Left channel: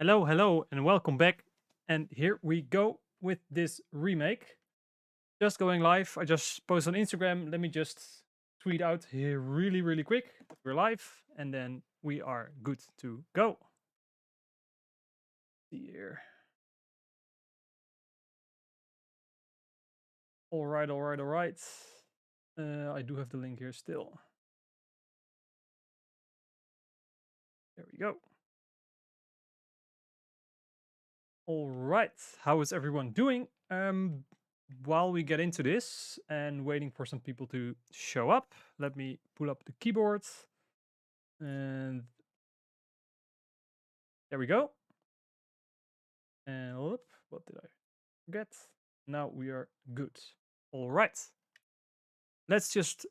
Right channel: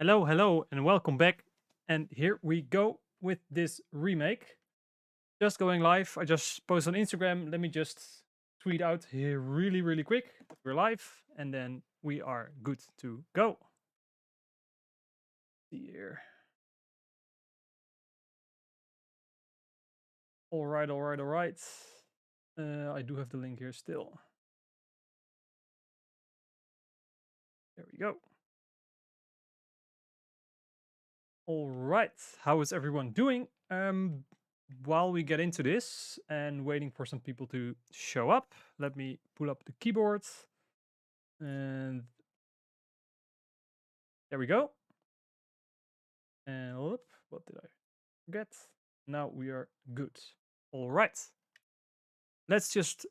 Hello, hello, and welcome back. And here we go with this remake. Just going live. I just posted on Instagram. Let me just tweet out here really quick. We're live, and then we are good to go. Here. All right. I do have the link here still. There we go. All right. How is everyone doing? While we get into this and waiting for some people to show up, let me pull up the keyboard. And there we go. And what did I forget? Now we are good. All right. Let's just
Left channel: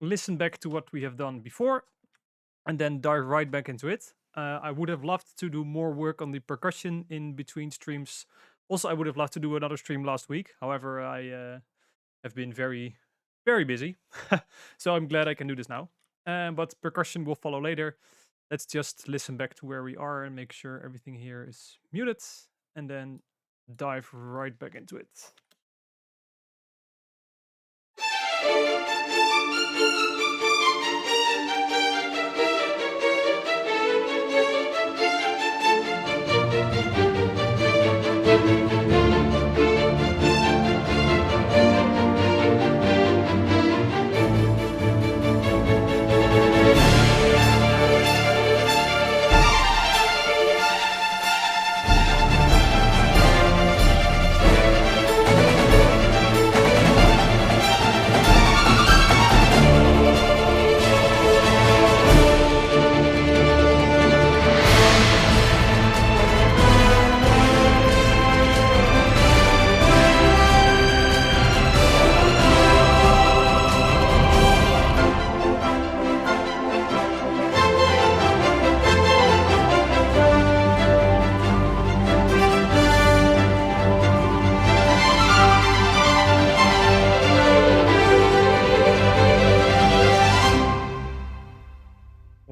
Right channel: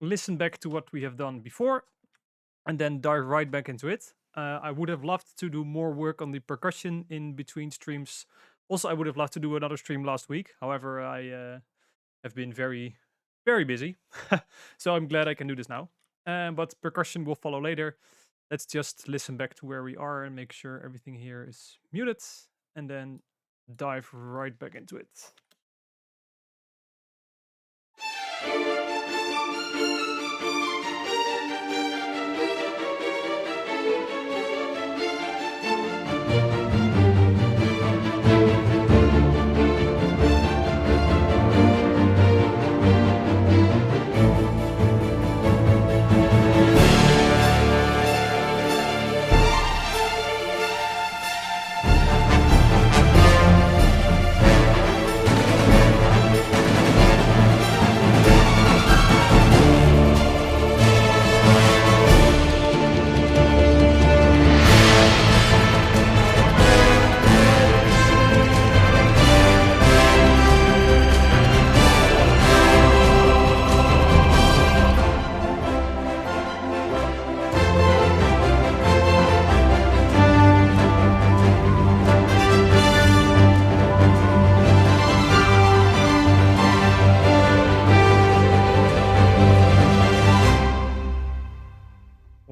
listen back to what we have done before and then dive right back into it. I would have loved to do more work on the percussion in between streams. Also, I would have loved to do another stream last week. However, I have been very busy. So I'm glad I can do this now. But percussion will follow later. Let's just listen back to where we are and make sure everything here is muted, and then dive right back into it.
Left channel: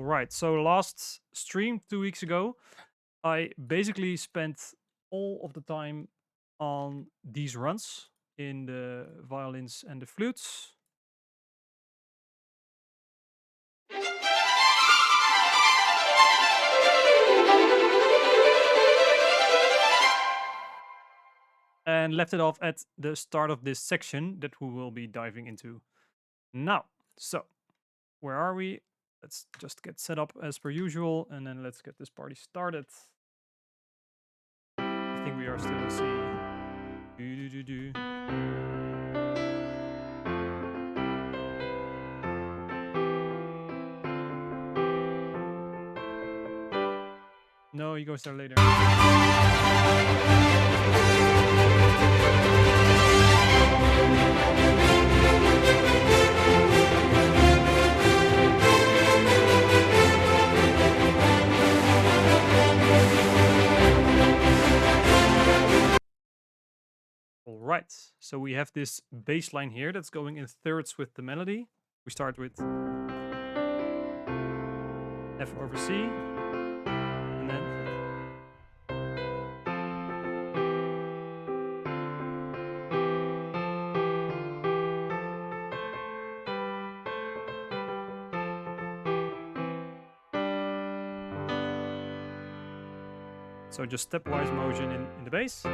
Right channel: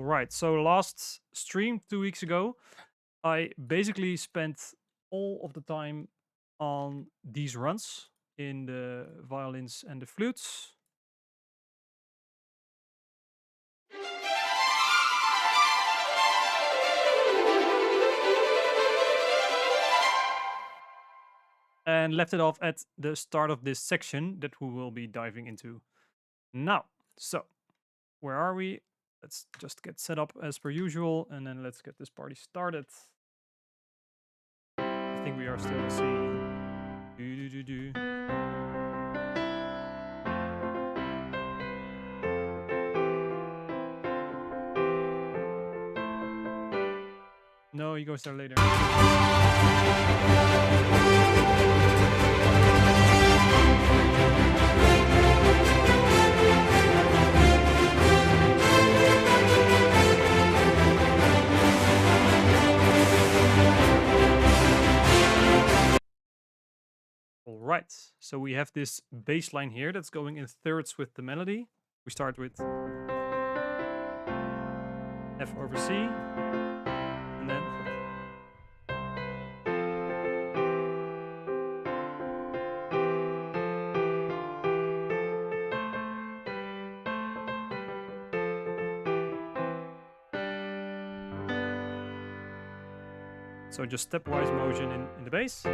Right, so last stream 2 weeks ago, I basically spent all of the time on these runs in the violins and the flutes. And left it off at the start of this section that we will be diving into now. So, where are we? Let's just get set up as per usual, and then let's get this party started. I think we are still in C. No, he goes there later. All right, so we have this bass line here that's going in thirds with the melody. We start with F over C, and then so just stepwise motion in the bass.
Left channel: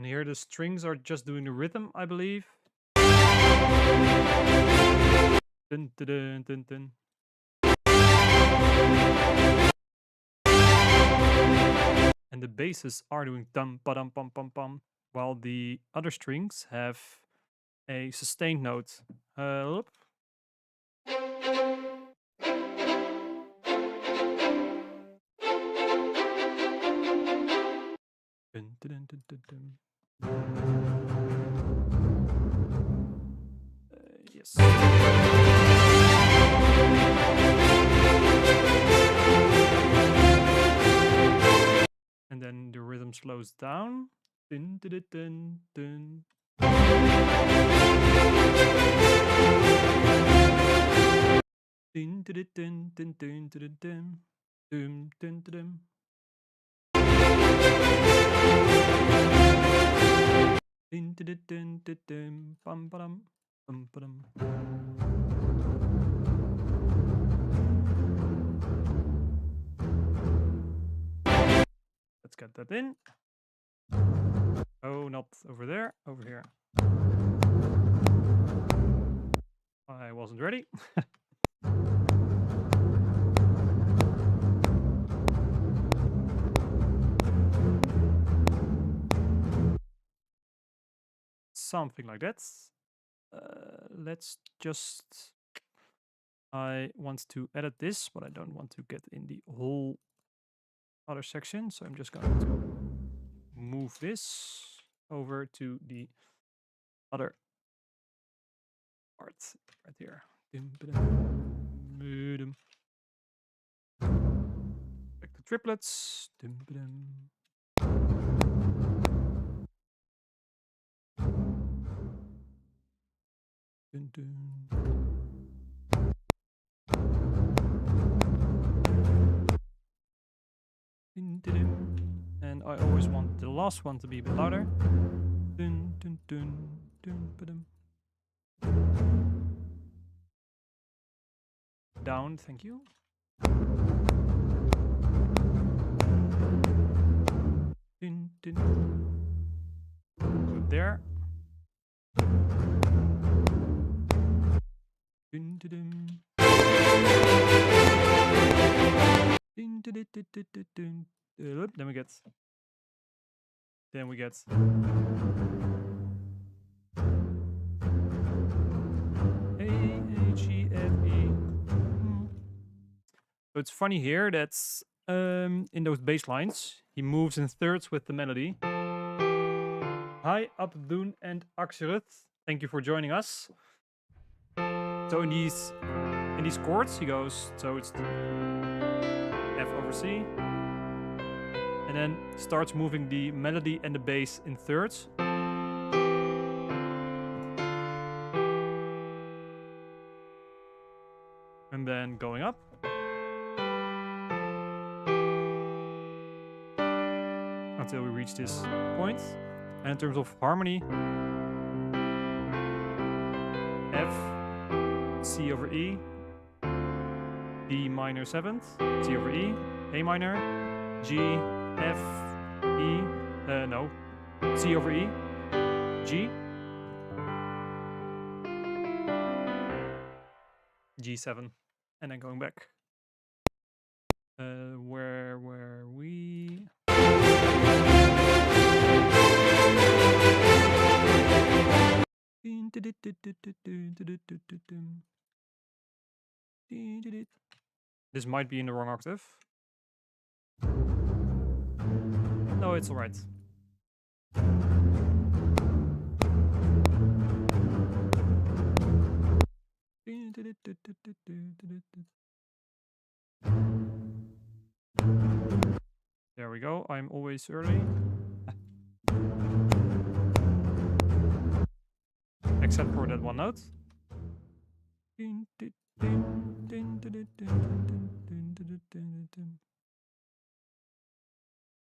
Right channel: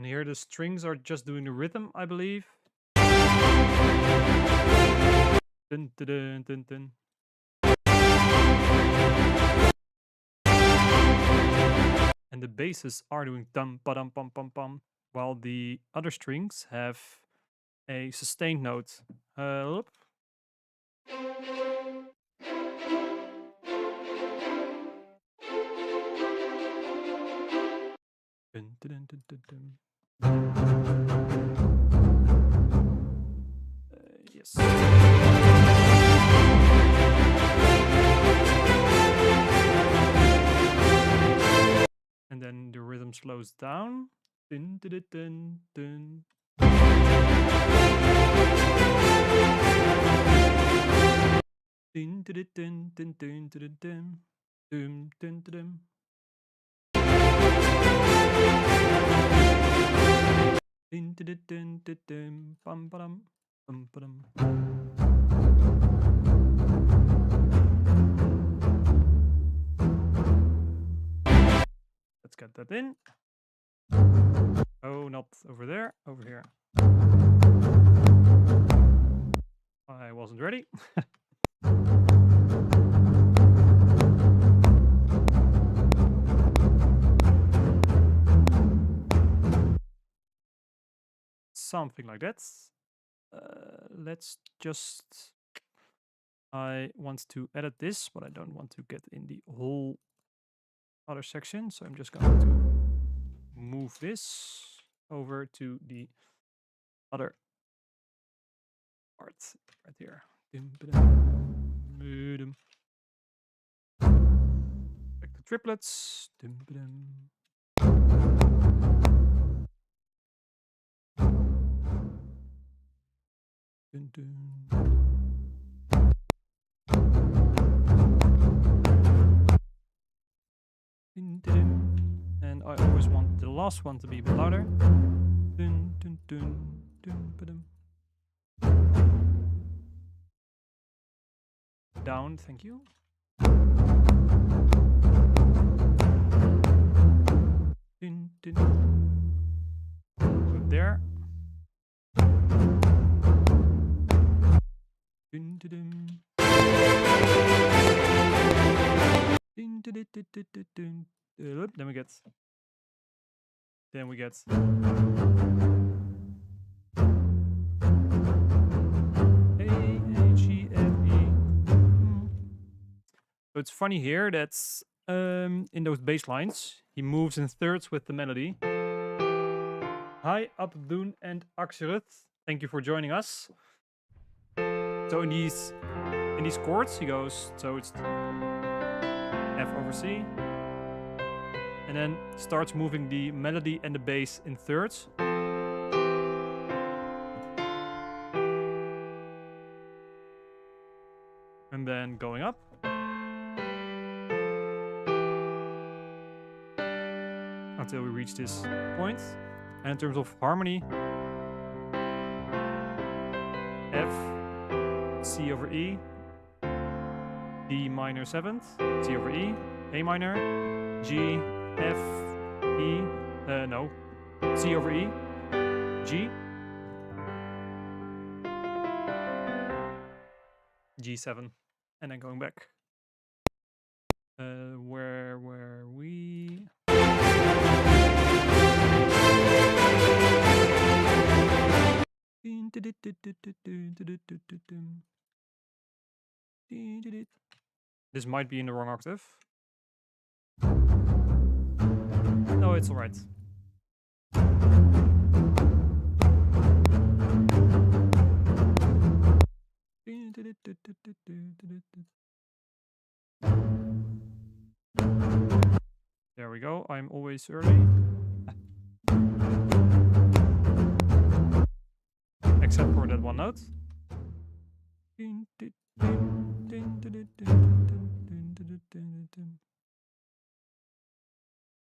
Here the strings are just doing the rhythm, I believe. Dun, dun, dun, dun. And the basses are doing dum ba dum pum pum pum, while the other strings have a sustained note. Dun, dun, dun, dun, dun. Yes. And then the rhythm slows down. Dun, dun, dun, dun, dun. Dun, dun, dun, dun, dun, dun, dun, dun, dun, dun. Dun, dun, dun, dun, dun, bum, ba-dum, bum, ba-dum. Let's get that in. Oh, not over there, over here. I wasn't ready. Something like that. Let's just... I want to edit this, but I don't want to get in the whole other section. So I'm just going to move this over to the other part right here. Back to triplets. And I always want the last one to be a bit louder. Down, thank you. Put there. Then we get A-H-E-F-E. So it's funny here that in those bass lines he moves in thirds with the melody. Hi Abdoen and Axeruth, thank you for joining us. So in these chords he goes, so it's F over C, and then starts moving the melody and the bass in thirds. And then going up. Until we reach this point. And in terms of harmony, F, C over E, D minor 7th, C over E, A minor, G, F, E, no, C over E, G, G7, and then going back. Where were we? This might be in the wrong octave. No, it's alright. There we go. I'm always early. Except for that one note.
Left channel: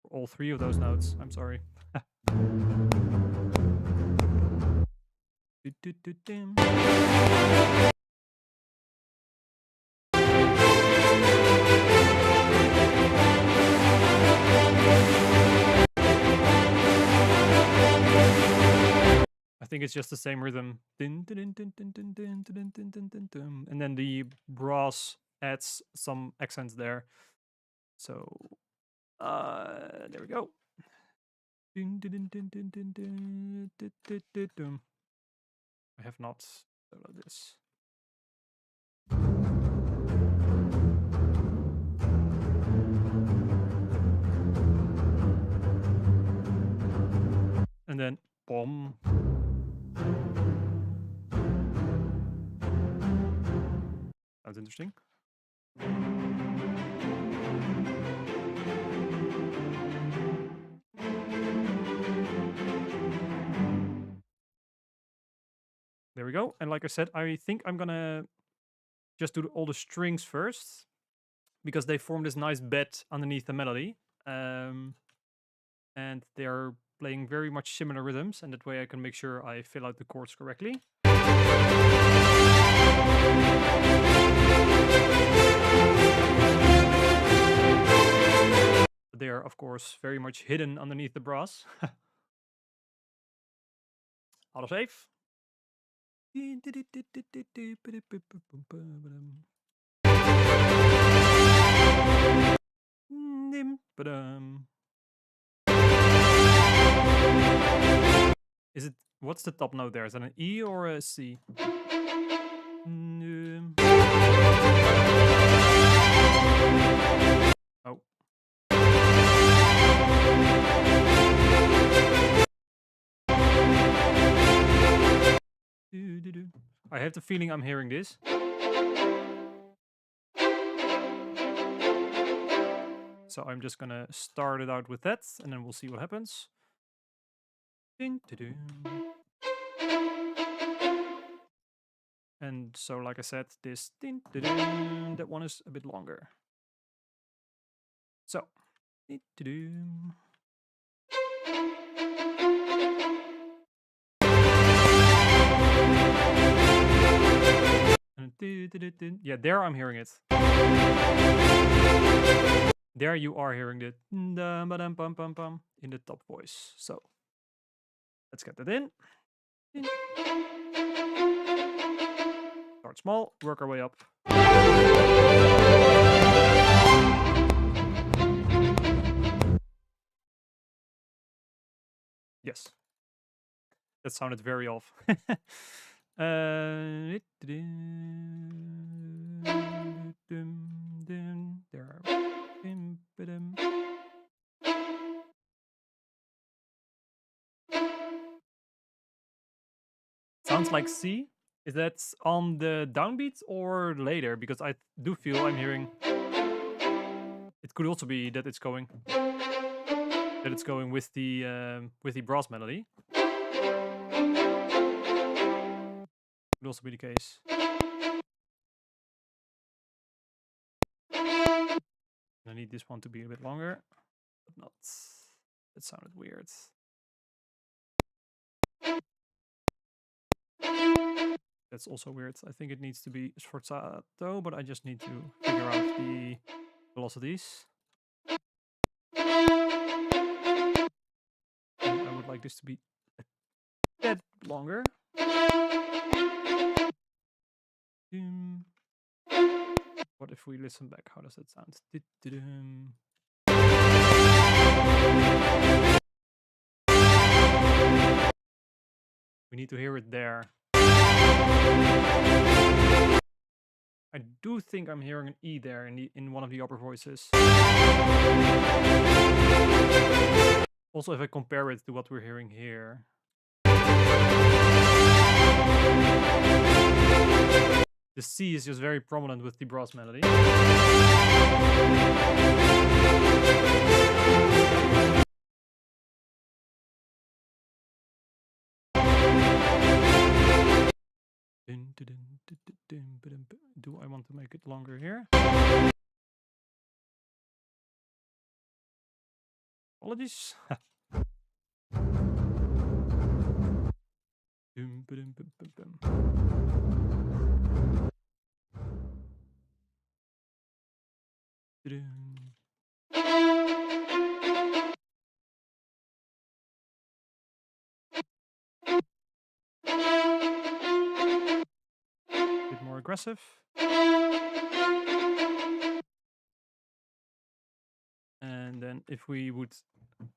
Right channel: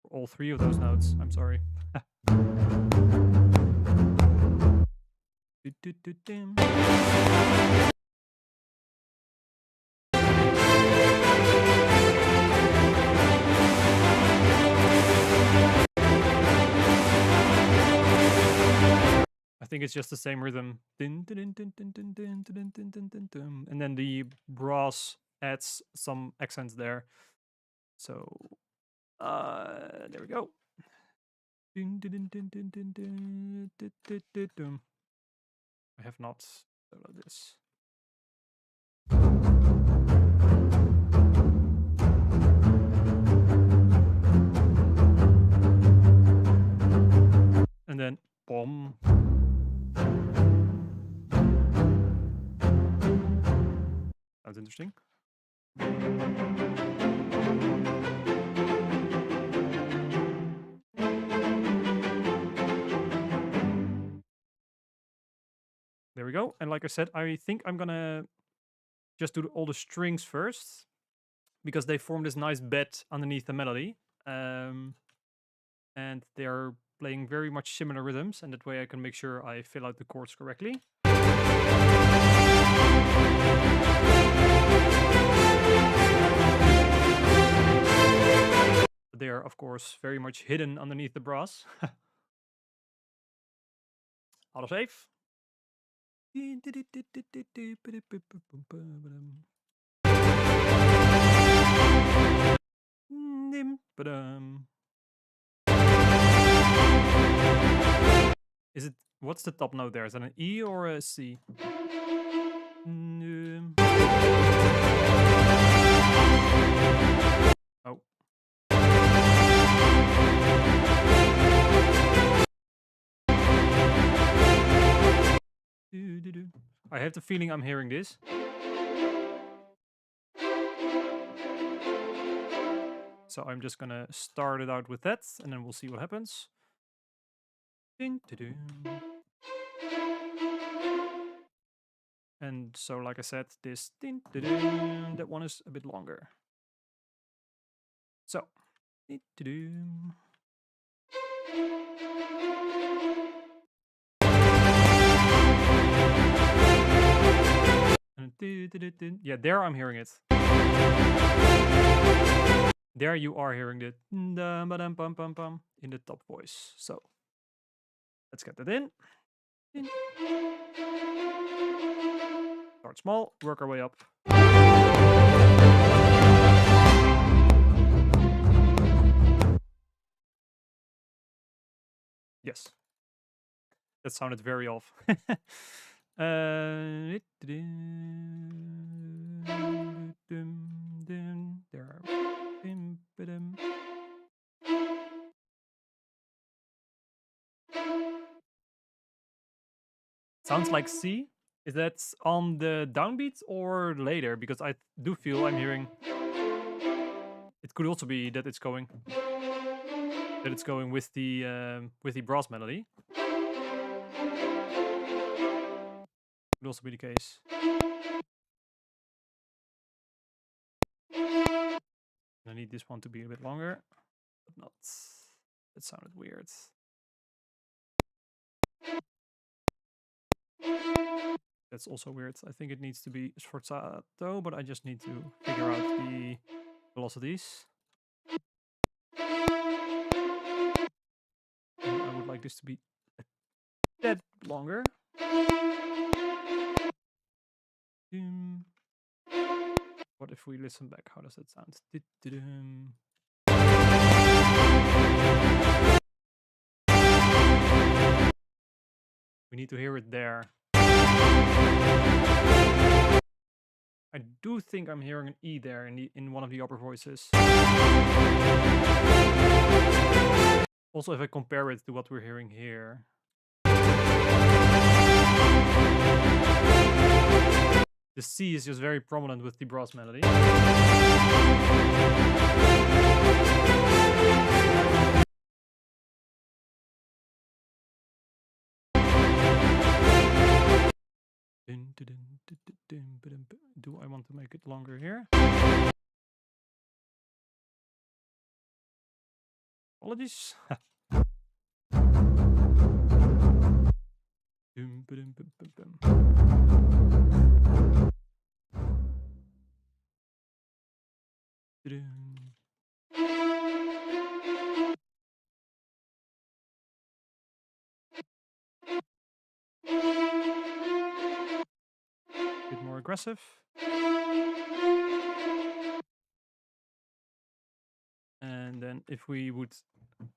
For all three of those notes, I'm sorry. I think it's just the same rhythm. And then the brass adds some accents there. So, there we go. I have not done this. And then, boom. Sounds interesting. There we go. And like I said, I think I'm gonna just do all the strings first, because they form this nice bed underneath the melody. And they are playing very much similar rhythms, and that way I can make sure I fill out the chords correctly. They are, of course, very much hidden underneath the brass. Autosave. Is it, what's the top note there? Is that an E or a C? Oh. I have the feeling I'm hearing this. So I'm just gonna start it out with that, and then we'll see what happens. And so, like I said, this that one is a bit longer. So, yeah, there I'm hearing it. There you are hearing it in the top voice. So let's get that in. Start small, work our way up. Yes, that sounded very off. There. Sounds like C. Is that on the downbeat or later? Because I do feel I'm hearing. It could also be that it's going with the brass melody. Could also be the case. I need this one to be a bit longer, but not. That sounded weird. That's also weird. I think it needs to be sforzato, but I just need to figure out the velocities. And I would like this to be a bit longer. What if we listen back? How does that sound? We need to hear it there. I do think I'm hearing an E there in one of the upper voices. Also, if I compare it to what we're hearing here. The C is just very prominent with the brass melody. Do I want to make it longer here? Apologies. Bit more aggressive. And then if we would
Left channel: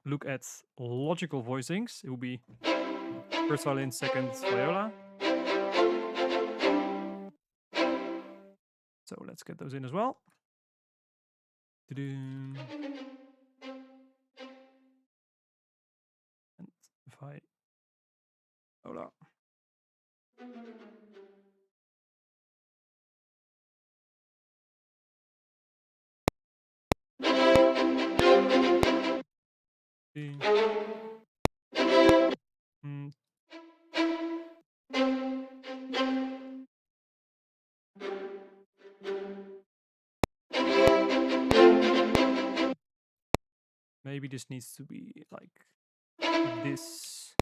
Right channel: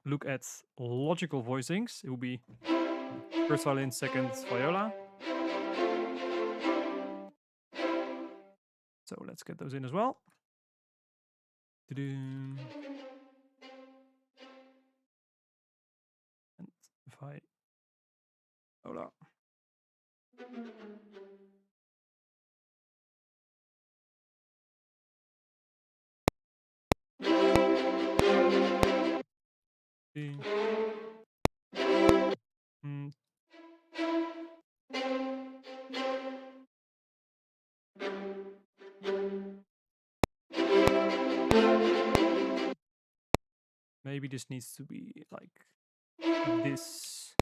look at logical voicings, it would be first violin, second viola. So let's get those in as well. And if I viola. Mm. Maybe this needs to be like this.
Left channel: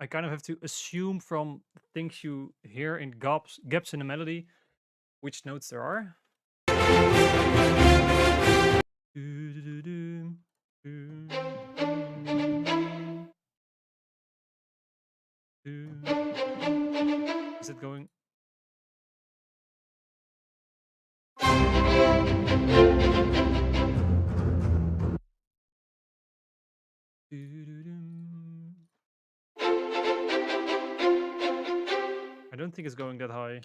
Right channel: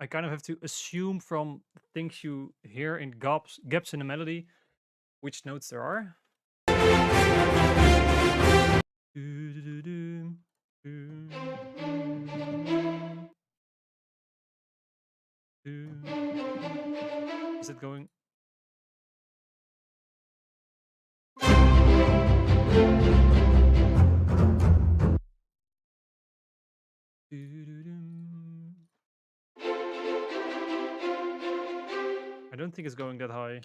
I kind of have to assume from things you hear in gaps in the melody which notes there are. Is it going? I don't think it's going that high.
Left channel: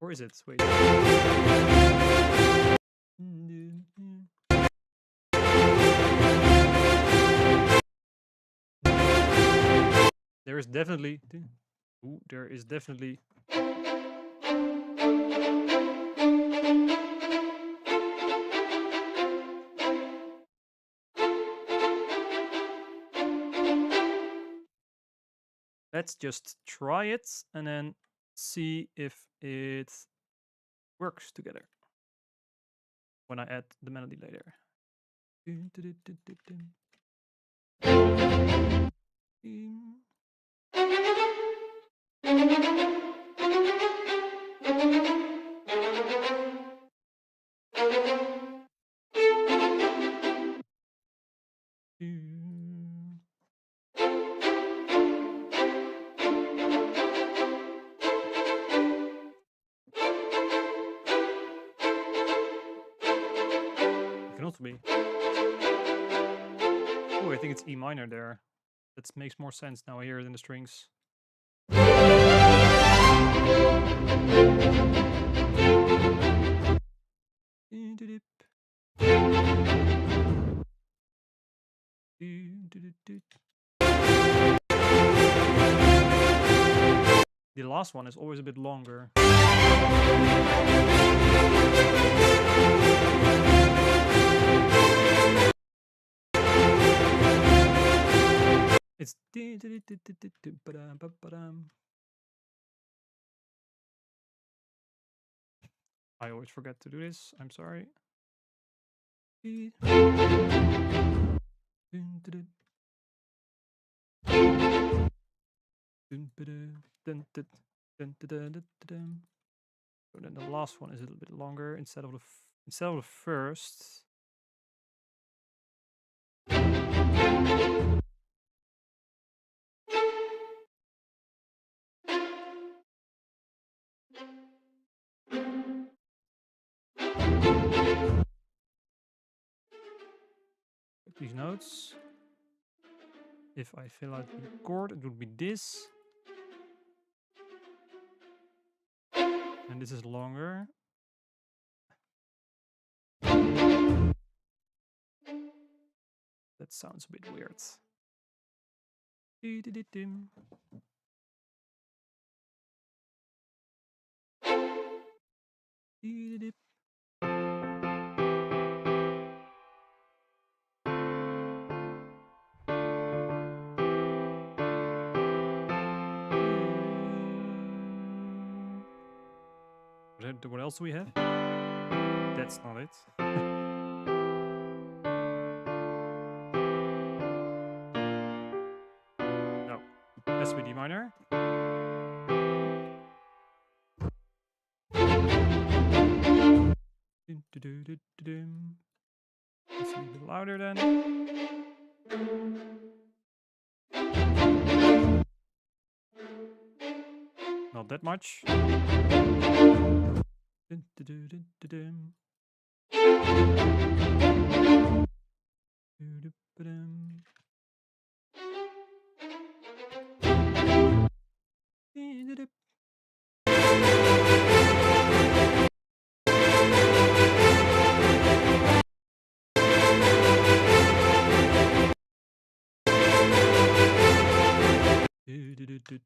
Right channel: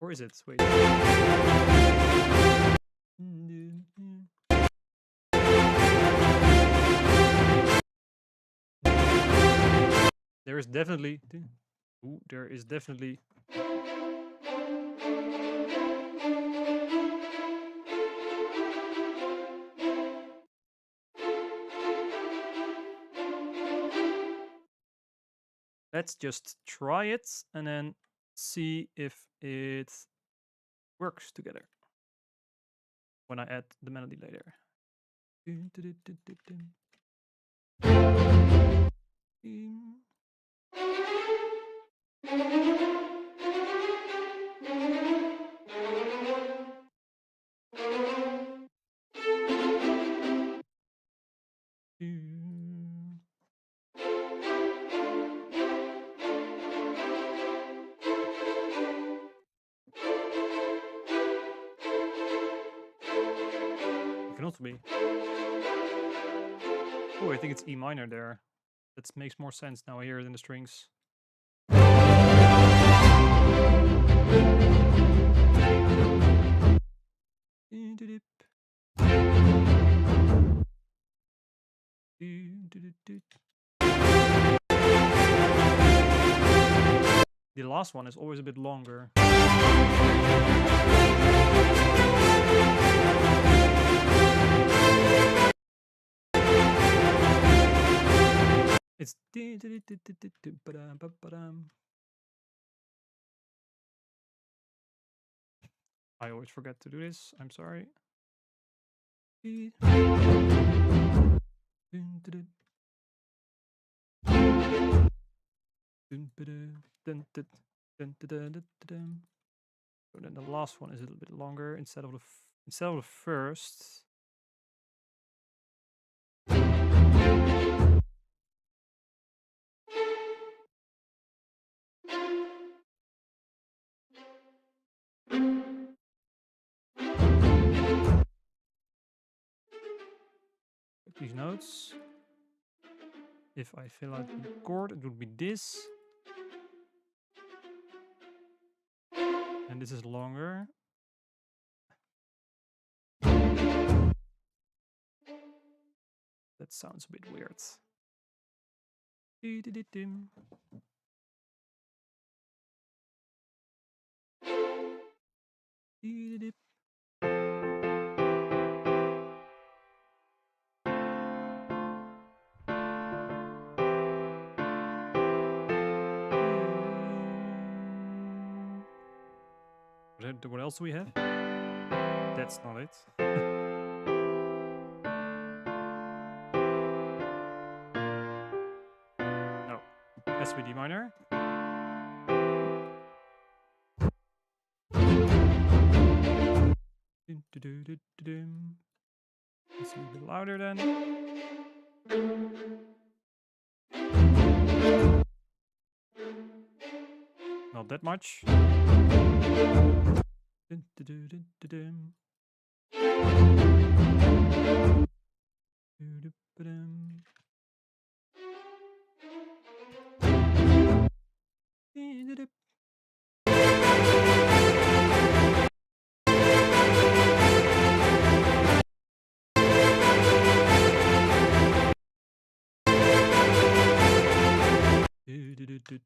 Or is it? Wait. There is definitely... Ooh, there is definitely... Let's just try it and then see if it works together when I add the melody later. Can also be. Oh, I think it's E minor there. That makes more sense now I hear it in the strings. The last one is always a bit longer. It's... I always forget to do this. I'm sorry. So then the last one is a little bit longer instead of the first. These notes. If I fill out the chord, it would be this. And this is longer. That sounds a bit weird. What else do we have? That's not it. No. Has to be D minor. Let's be a bit louder then. Not that much. Dun, dun, dun, dun, dun, dun. Dun, dun, dun. Dun,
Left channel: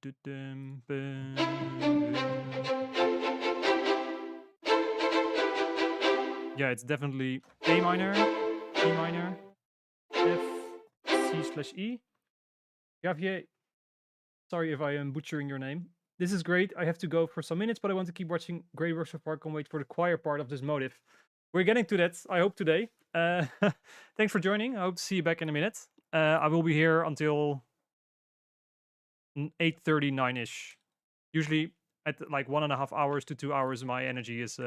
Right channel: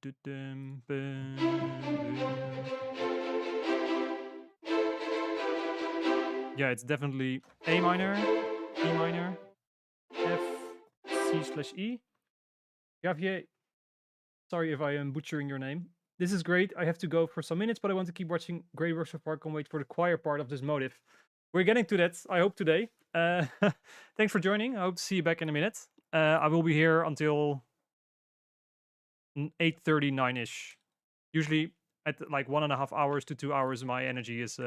dun, dun. Yeah, it's definitely A minor, E minor, F, C/E. Javier, sorry if I am butchering your name. This is great. I have to go for some minutes, but I want to keep watching. Great work so far. Can't wait for the choir part of this motive. We're getting to that, I hope, today. Thanks for joining. I hope to see you back in a minute. I will be here until 8:30, 9-ish. Usually at like 1.5 hours to 2 hours, my energy is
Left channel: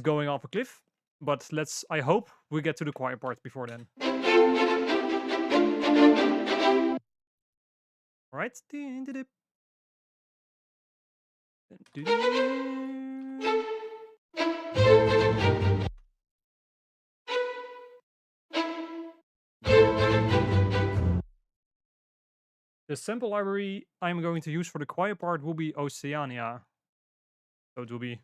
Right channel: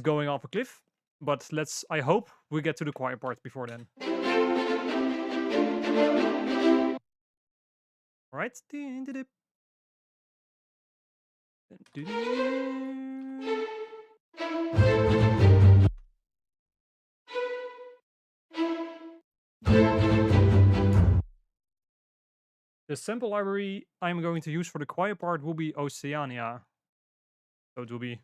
going off a cliff. But I hope we get to the quiet part before then. All right. The sample library I'm going to use for the quiet part will be Oceania. So it will be.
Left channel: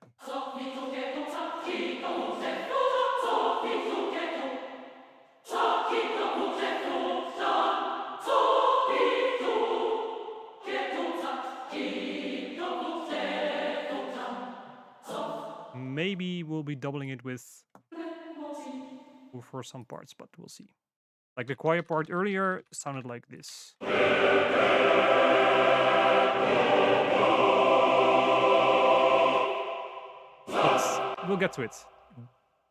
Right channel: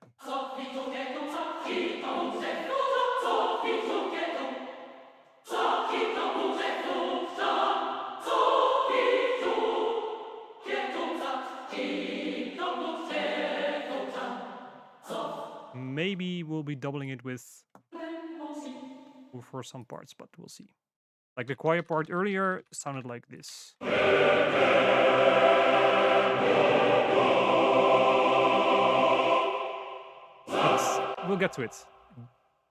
Maybe we'll be doubling it with for some parts, but we'll see. Like the quiet part earlier sounded like this. But we'll get to it.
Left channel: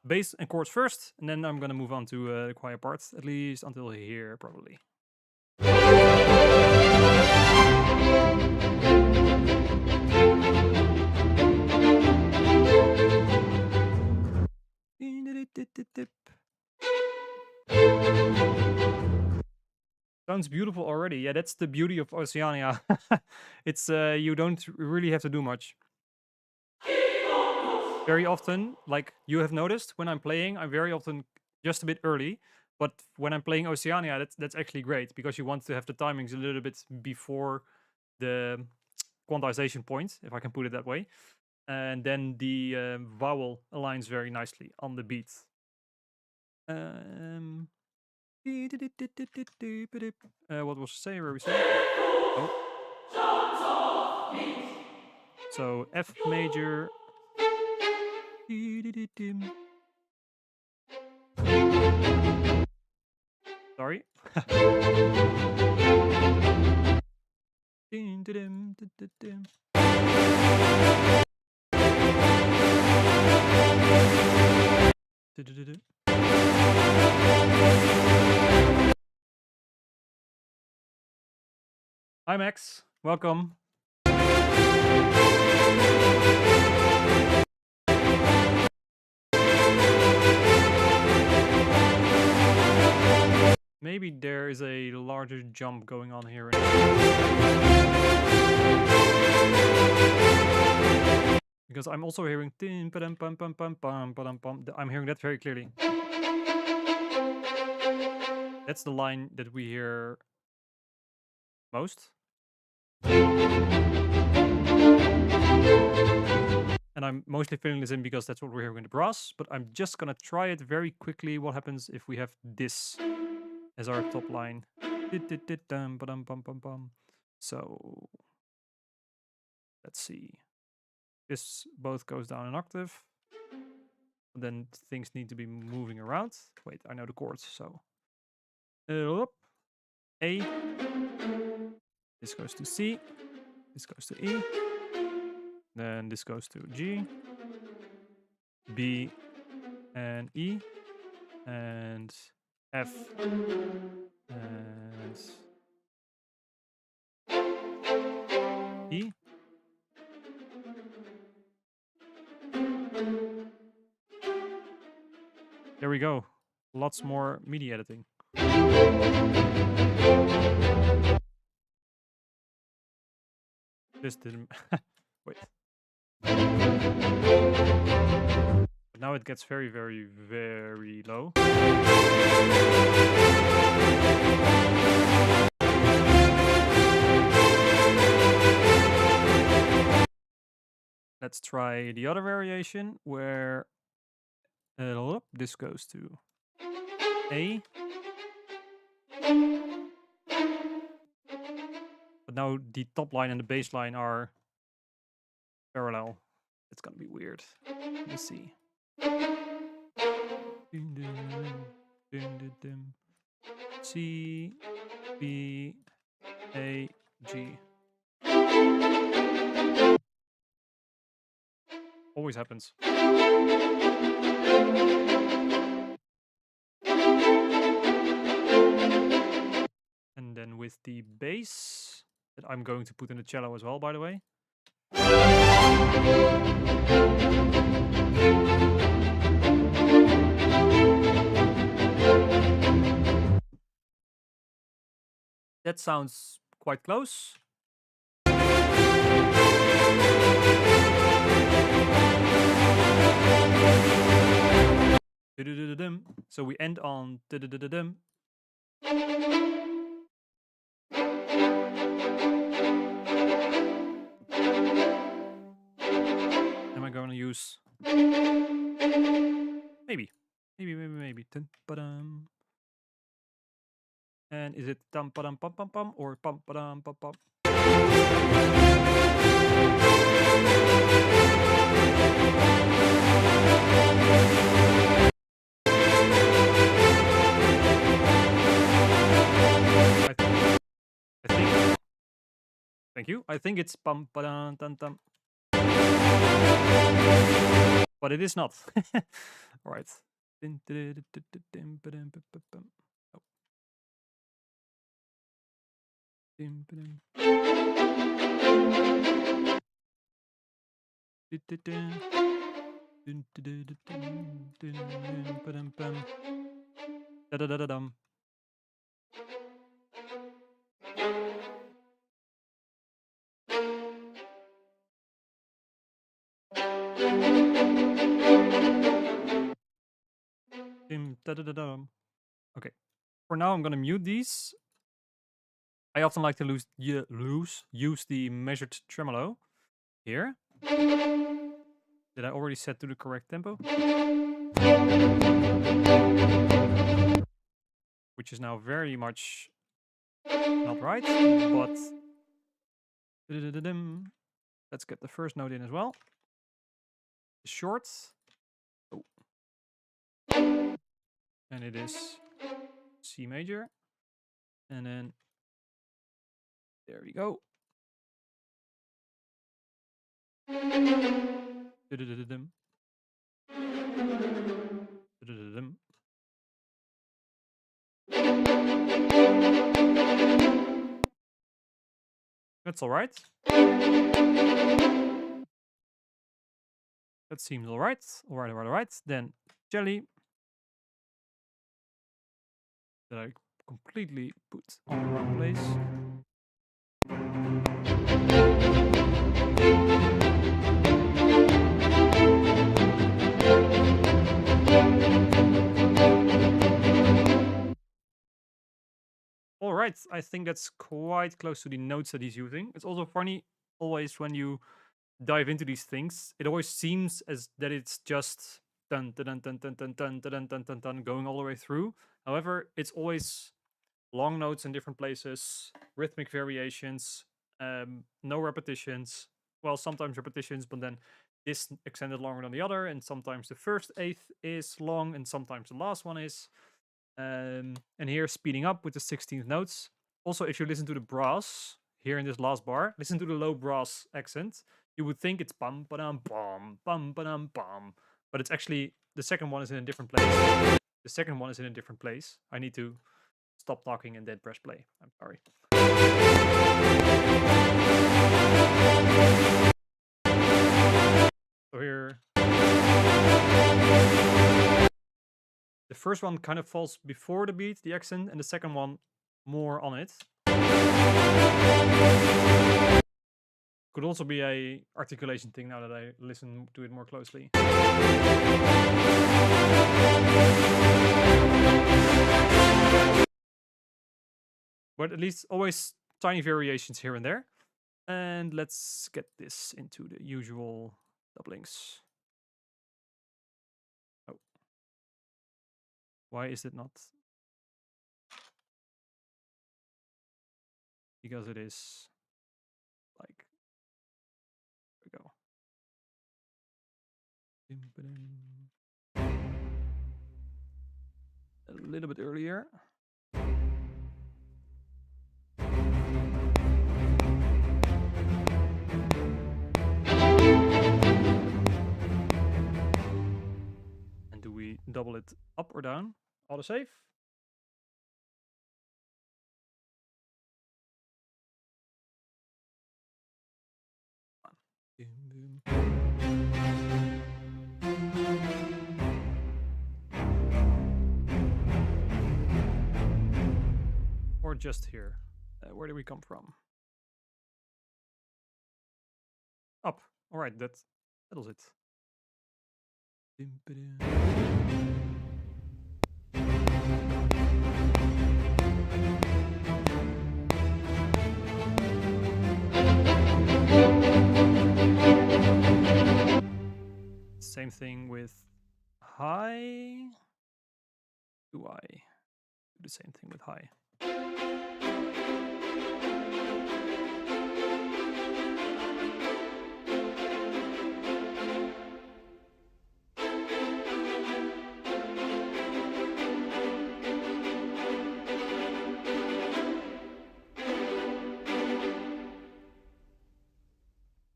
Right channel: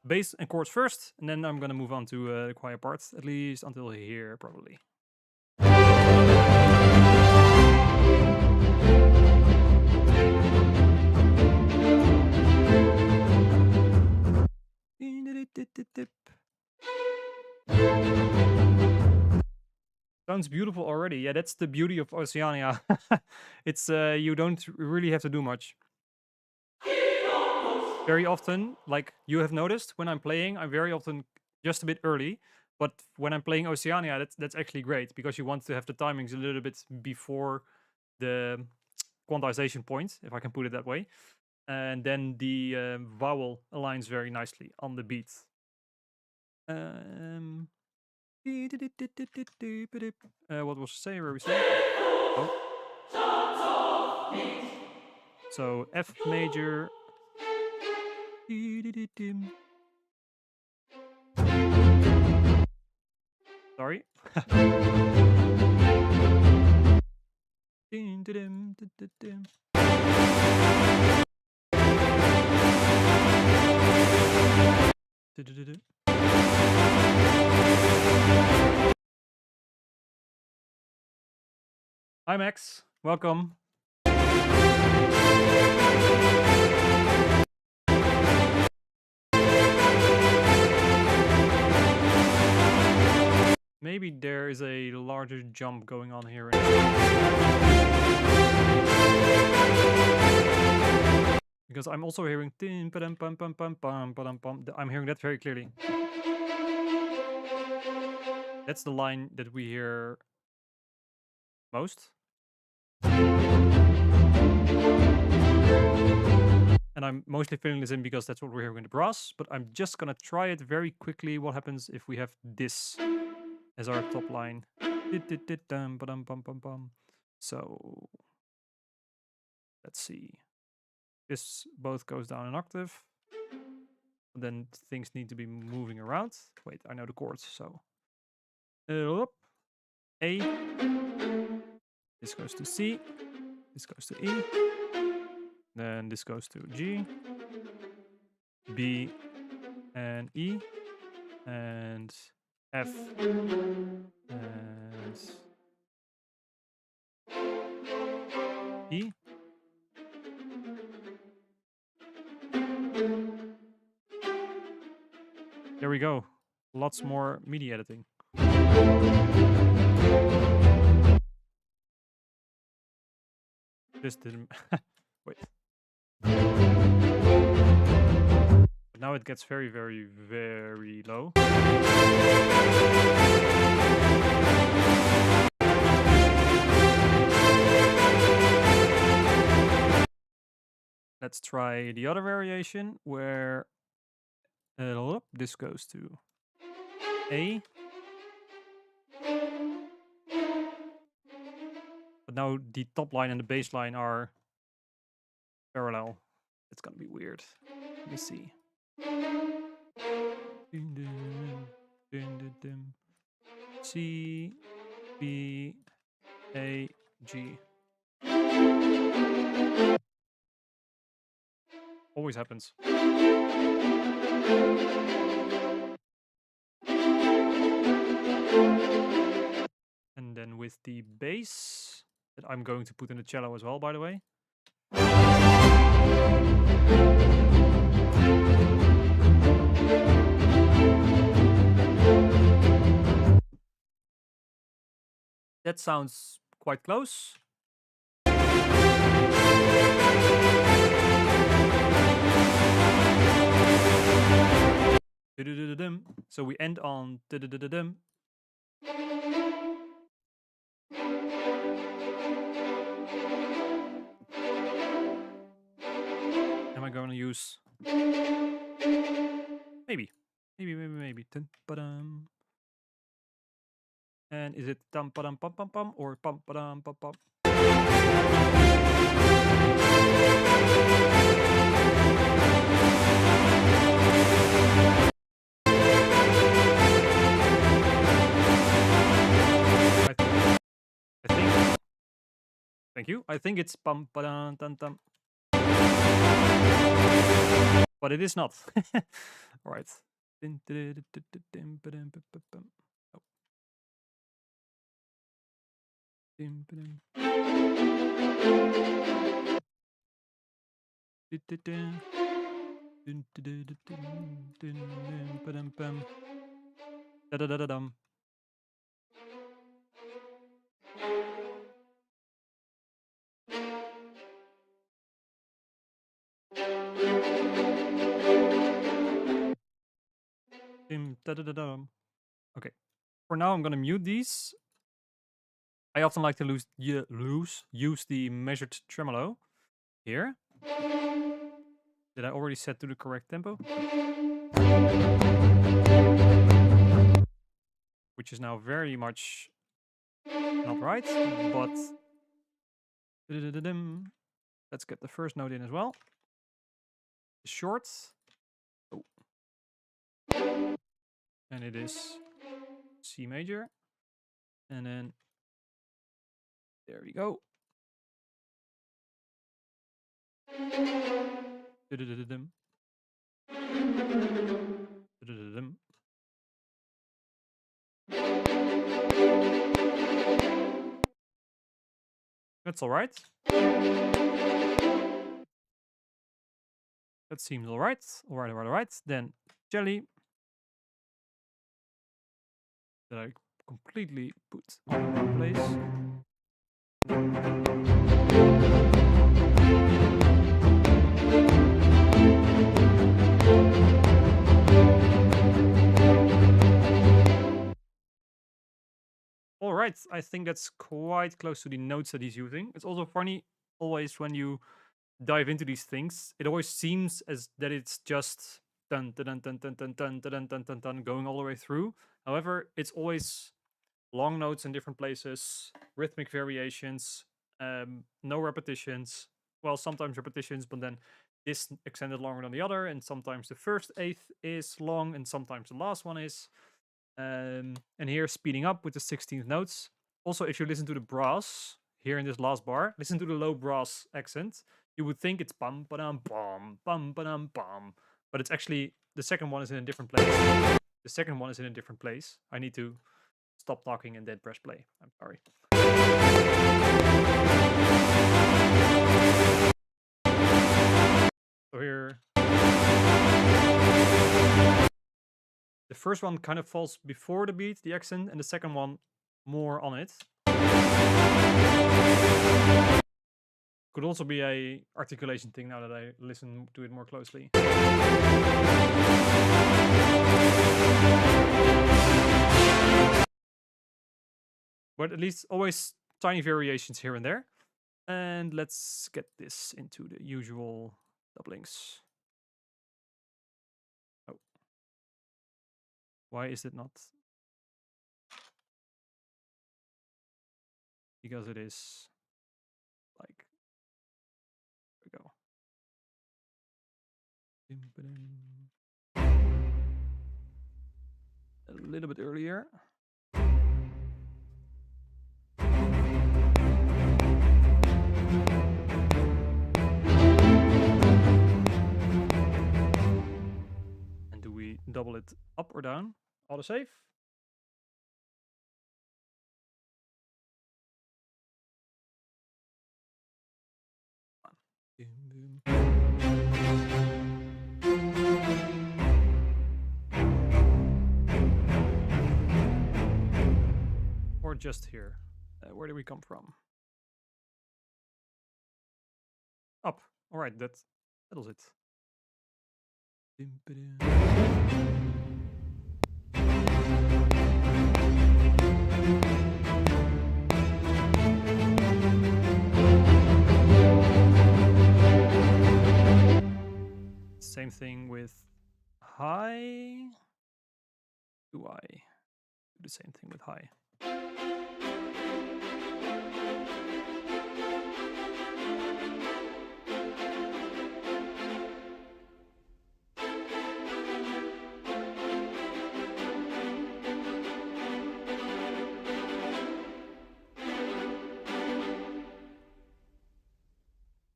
Bass and chords first, and then I'm gonna move on to the quiet parts, at least until here, probably. Sounds beautiful already. Yeah, that's the beauty of Oceania. It's you don't really have to do much. Very often, like you have noticed, when I'm playing, I'm very often just a bit early. But when I'm playing Oceania, that's actually great because you want to have the timings a little bit before the quantization point, if I can put it that way. And then the vowel aligns very nicely on the beat. What was the say? Where we say? Oh. So F major. Sorry. Hi Max, welcome. Maybe there is a larger jump going on here. Because I'm also hearing. I'm hearing that very clearly. That's the line that we hear most. And I'm mostly filling this in because that's what we're hearing in the brass. But I'm just gonna try it very quickly. What happens if we have this as our top line? So let's see. This both goes down an octave. Then things need to be moving around. Wait, I know the chords, so A. This goes to C. This goes to E. Then this goes to G, B, and E, and F, and E. There we go. Lots more MIDI editing. This didn't... Wait. But now it gets very, very, very low. Let's try the other variation where this goes to A. But now the top line and the bass line are parallel. It's gonna be weird. Let me see. C, B, A, G. Always happens. And then with the bass that I'm going to put in the cello as well, by the way. That sounds quite close. So we end on am I going to use maybe dun, ba-dum. And is it dum ba-dum pum pum pum or pum ba-dum pum pum? I think. Thank you. I think it's pum ba-dum dum dum. But it is not. All right. Okay. For now, I'm gonna mute these. I often like to use the measured tremolo here. Did I already set to the correct tempo? Which is now very much not right, but let's get the first note in as well. Short. Oh. And it is C major. And then there we go. That's all right. That seems all right. All right. Then jelly that I completely put on the wrong place. All right, I think that's quite close to the notes that he's using. It's also funny always when you dive into these things, it always seems as that it's just dun dun dun dun dun dun dun dun dun dun going all the way through. However, it's always long notes in different places, rhythmic variations, no repetitions. Well, sometimes repetitions, but then this extended longer than the other, and sometimes the first eighth is long, and sometimes the last one is. And here speeding up with the 16th notes. Also, if you listen to the brass here in this last bar, listen to the low brass accent. You would think it's bum ba-dum bum bum ba-dum bum, but it's actually the second one is in a different place. The second one is in a different place. I need to stop talking and then press play. I'm sorry. So here, the first one kind of falls before the beat, the accent, and the second one more on it. Could also be a articulation thing now that I listen to it more closely. But at least always tiny variations here and there. And let's get this into the usual doublings. Oh. Why is it not? Because it is like, there we go. A little bit earlier. And do we double it up or down? Autosave. Or just here. Where do we come from? Up. All right, that settles it. Same thing with high. Do I do the same thing with high?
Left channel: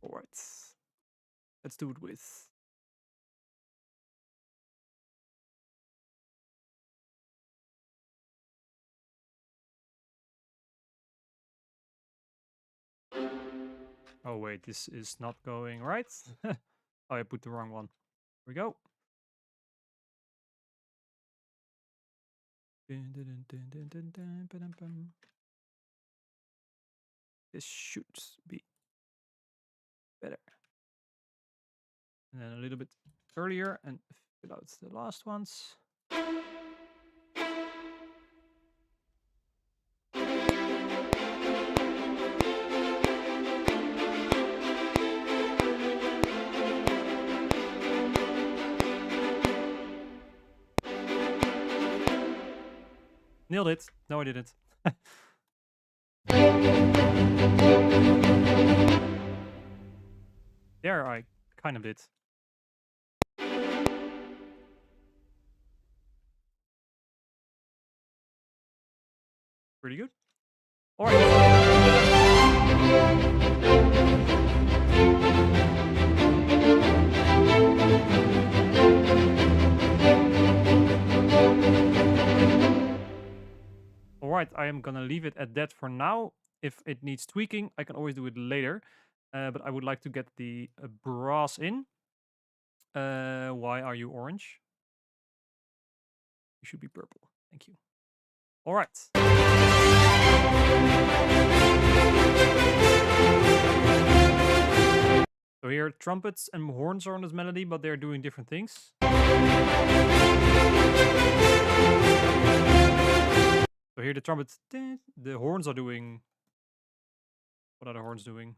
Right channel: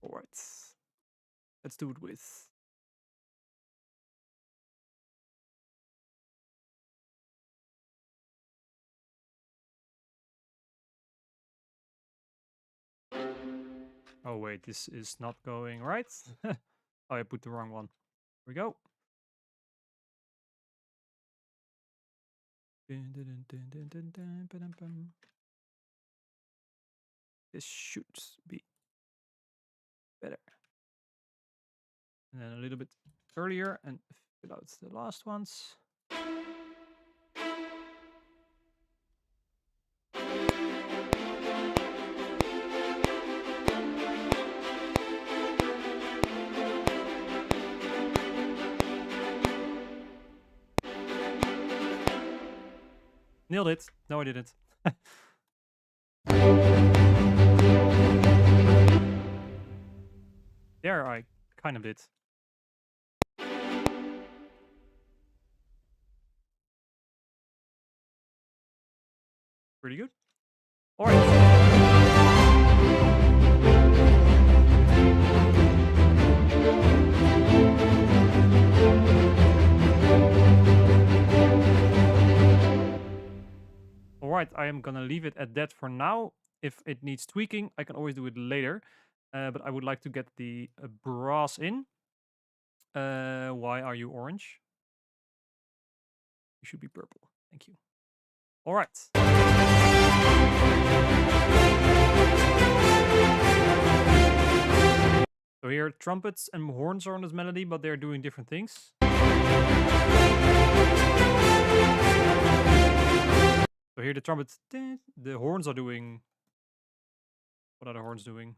All right, let's do it with. Oh wait, this is not going right. Oh, I put the wrong one. Here we go. This should be better. And then a little bit earlier and fill out the last ones. Nailed it. No, I didn't. There, I kind of did. Pretty good. All right. Alright, I am gonna leave it at that for now. If it needs tweaking, I can always do it later. But I would like to get the brass in. Why are you orange? You should be purple. Thank you. Alright. So here, trumpets and horns are on this melody, but they're doing different things. So here the trumpets, the horns are doing. What are the horns doing?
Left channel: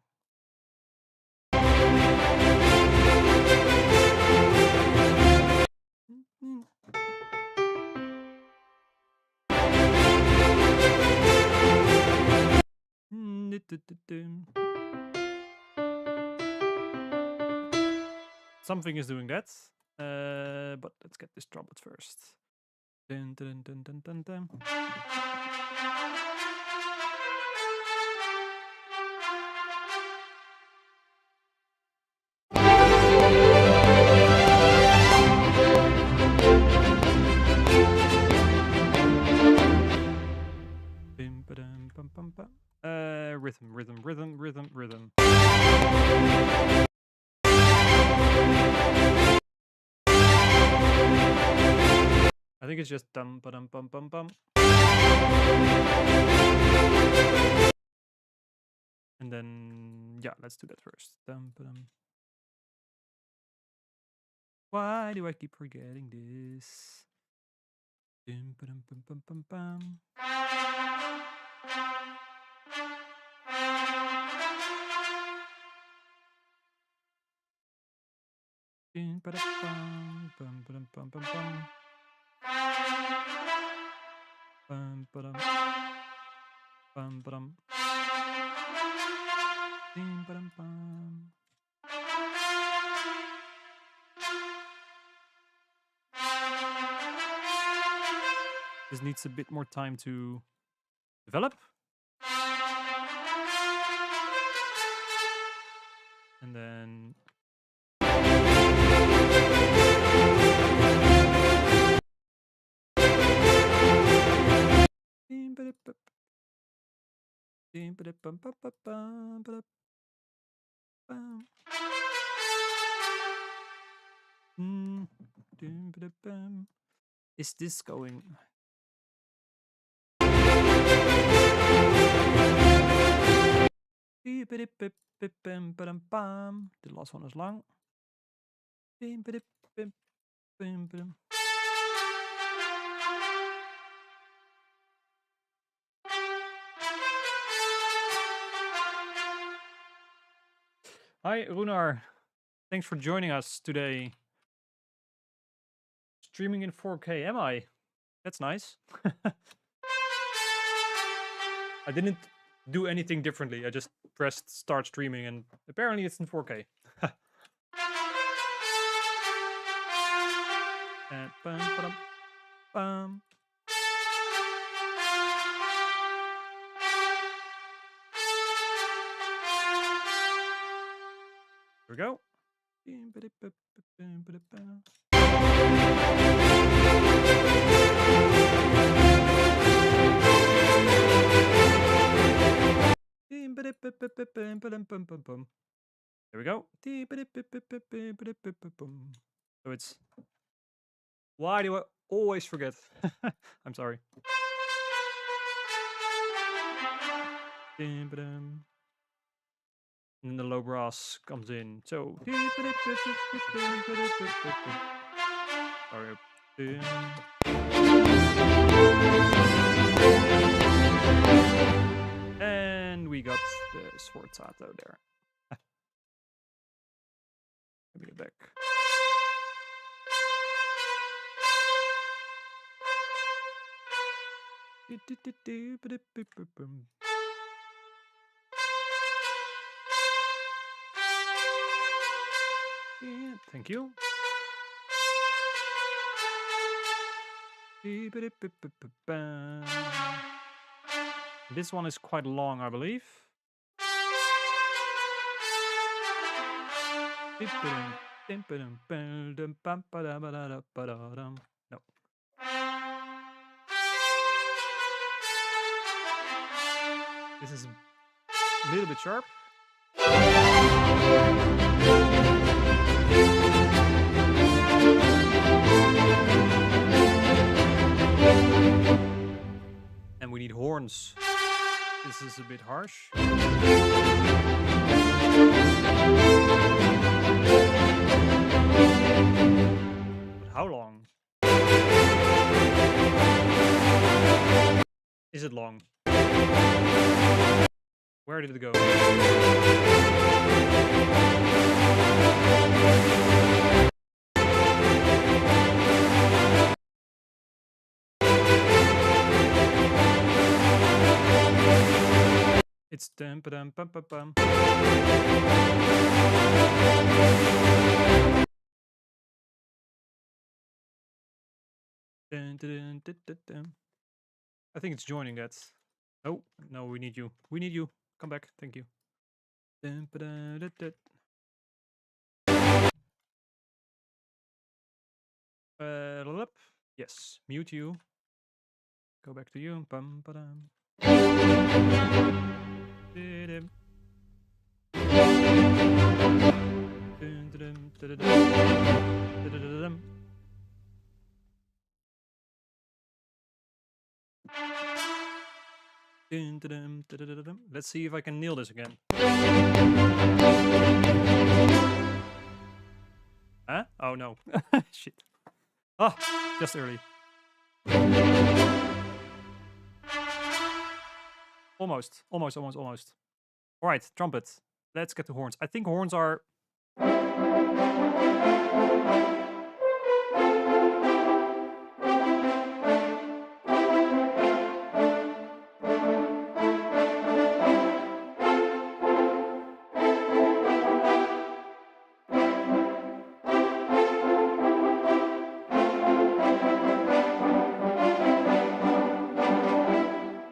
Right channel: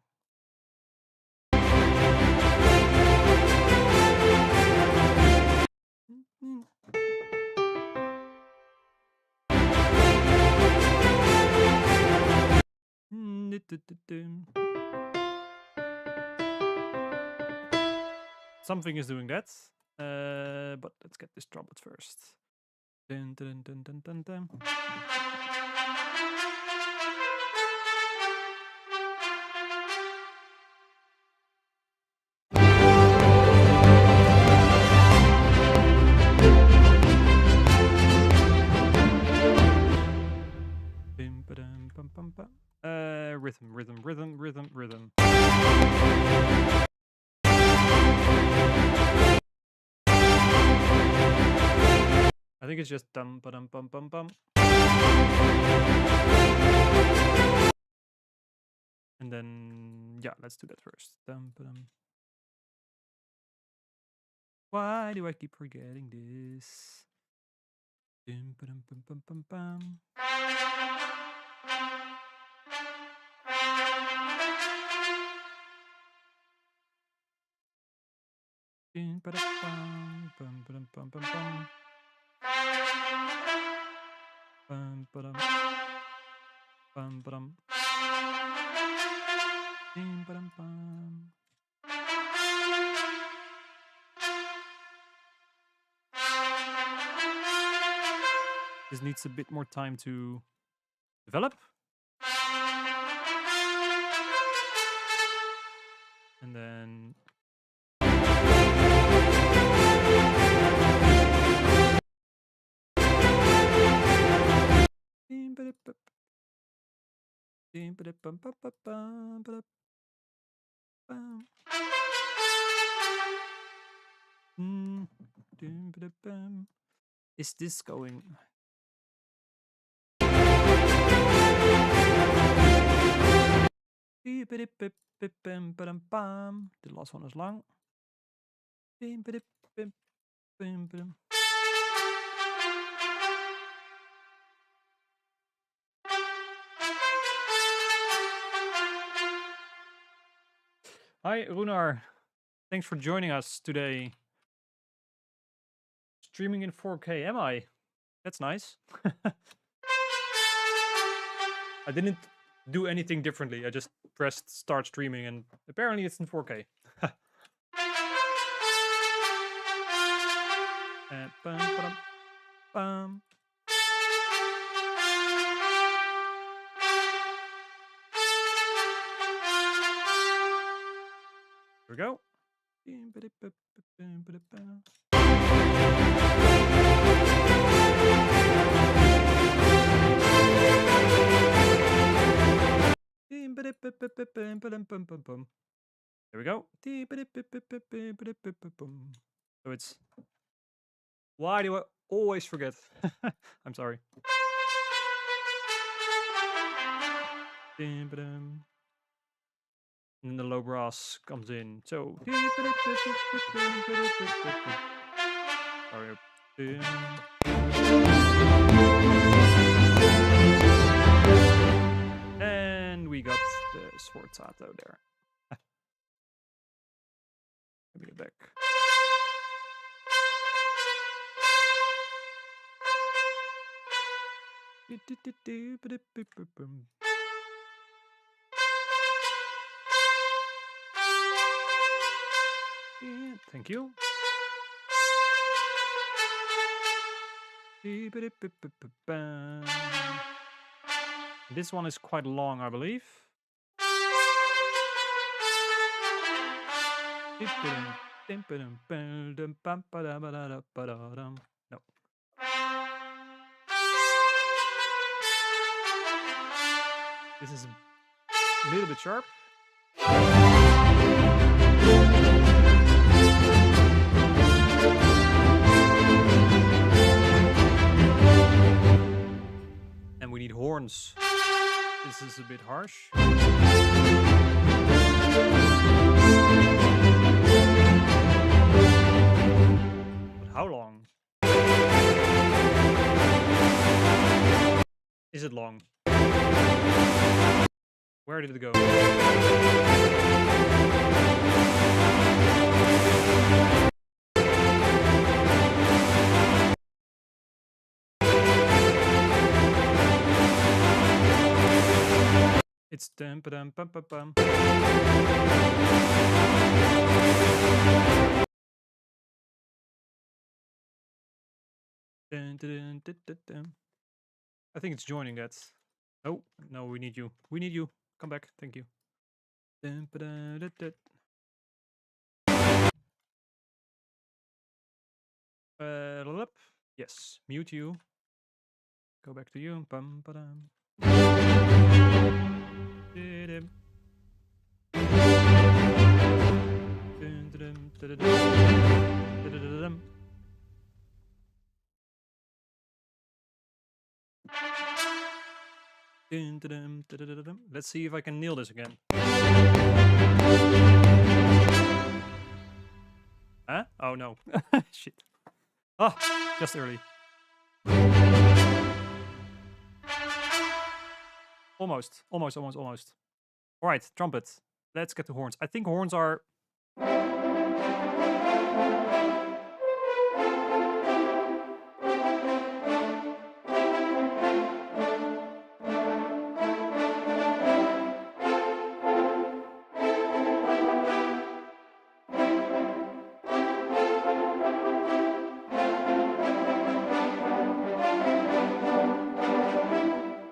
Something is doing that, but let's get this trumpet first. Dun, dun, dun, dun, dun, dun. Rhythm. I think it's just dum ba dum bum bum bum. And then Yeah, let's do that first. Why do I keep forgetting this? This needs a bit more time to develop. And then is this going? The last one is long. Hi, Runar. Thanks for joining us today. Streaming in 4K, am I? That's nice. I didn't do anything differently. I just pressed start streaming and apparently it's in 4K. Bum. Here we go. There we go. So it's... Why do I always forget? I'm sorry. And then the low brass comes in. So... Sorry. And we got the sforzato there. Let me get back. Thank you. This one is quite long, I believe. No. This is a little bit sharp. And we need horns. This is a bit harsh. But how long? Is it long? Where did it go? It's dum ba dum bum bum bum. Dun, dun, dun, dun, dun. I think it's joining that. Oh, no, we need you. We need you. Come back. Thank you. Dun, ba, dun, dun, dun. Yes, mute you. Go back to you. Bum, ba, dum. Dun, dun, dun, dun, dun, dun, dun, dun. Let's see if I can nail this again. Huh? Oh no. Shit. Oh, just early. Almost. Alright, trumpet. Let's get to horns. I think horns are...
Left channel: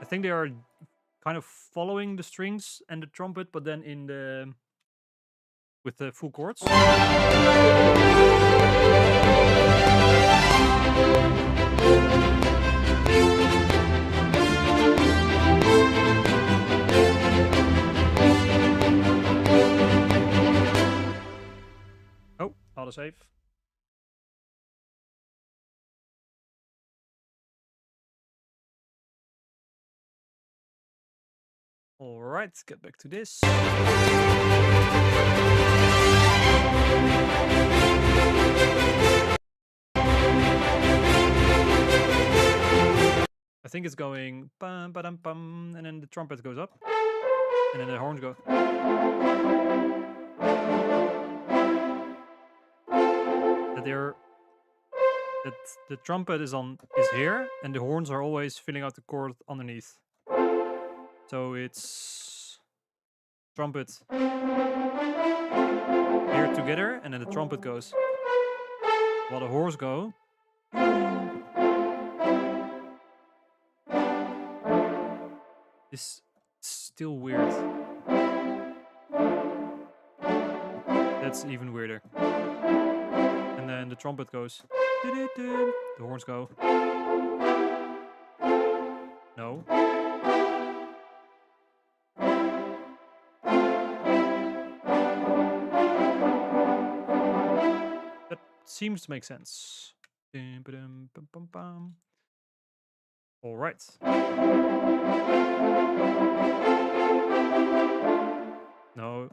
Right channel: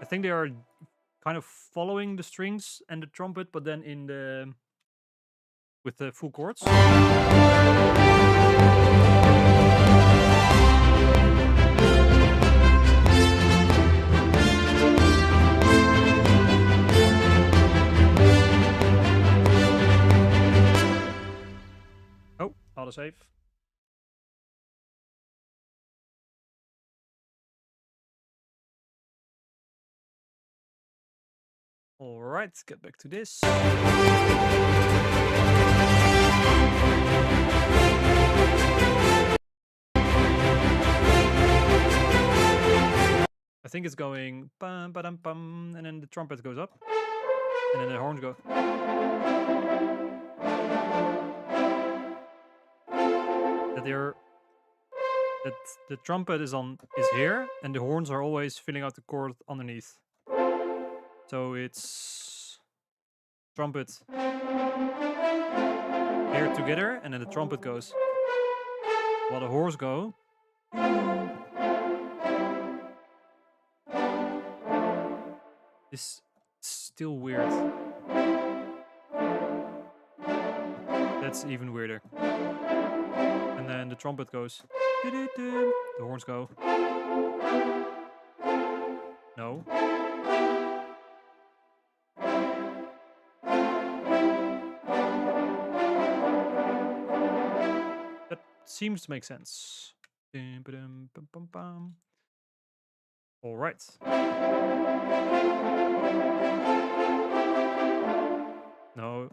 I think they are kind of following the strings and the trumpet, but then in the... with the full chords. Oh, autosave. All right, get back to this. I think it's going bum ba dum bum, and then the trumpet goes up, and then the horns go. That the trumpet is here, and the horns are always filling out the chord underneath. So it's trumpet here together, and then the trumpet goes while the horns go. This is still weird. That's even weirder. And then the trumpet goes. The horns go. No. That seems to make sense. All right. No.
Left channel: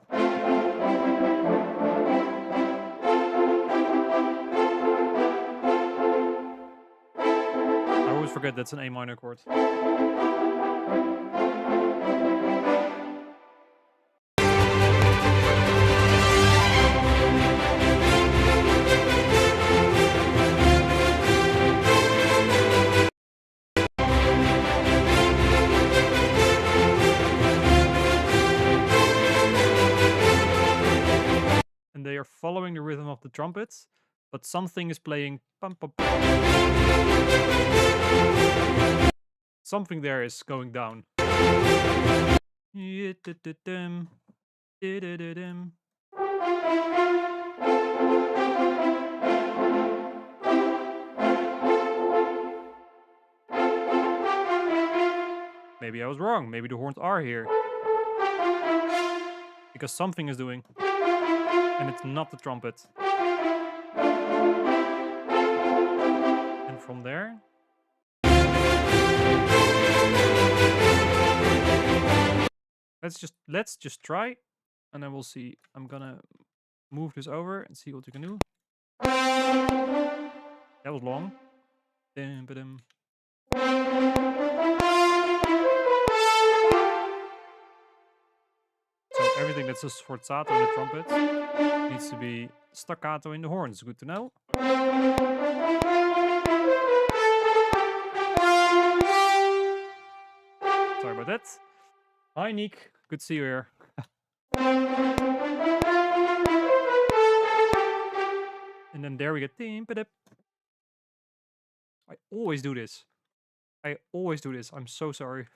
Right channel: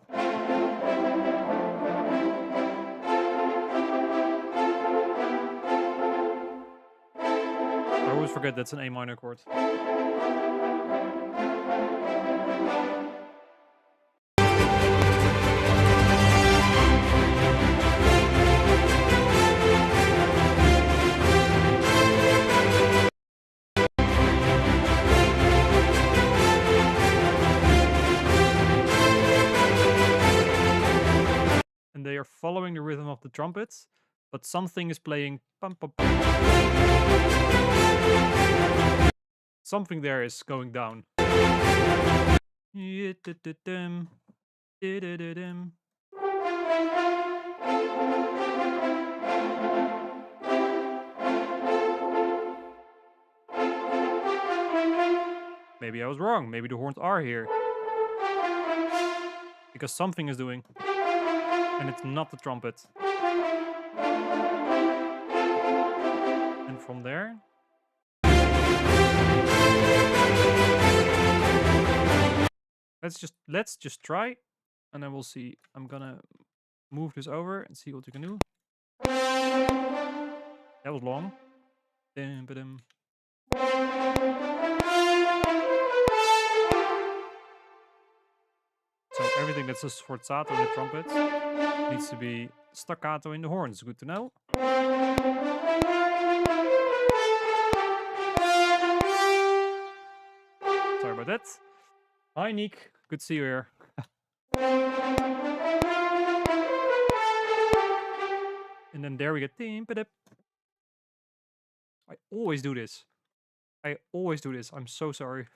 I always forget that's an A minor chord. And they are following the rhythm of the trumpets, but something is playing pum, pum, pum. Something there is going down. Maybe I was wrong. Maybe the horns are here. Because something is doing. And it's not the trumpet. And from there... Let's just try, and then we'll see. I'm gonna move this over and see what you can do. That was long. So everything that's a sforzato in the trumpet needs to be staccato in the horns. Good to know. Sorry about that. Hi, Nick. Good to see you here. And then there we get... I always do this. I'm so sorry.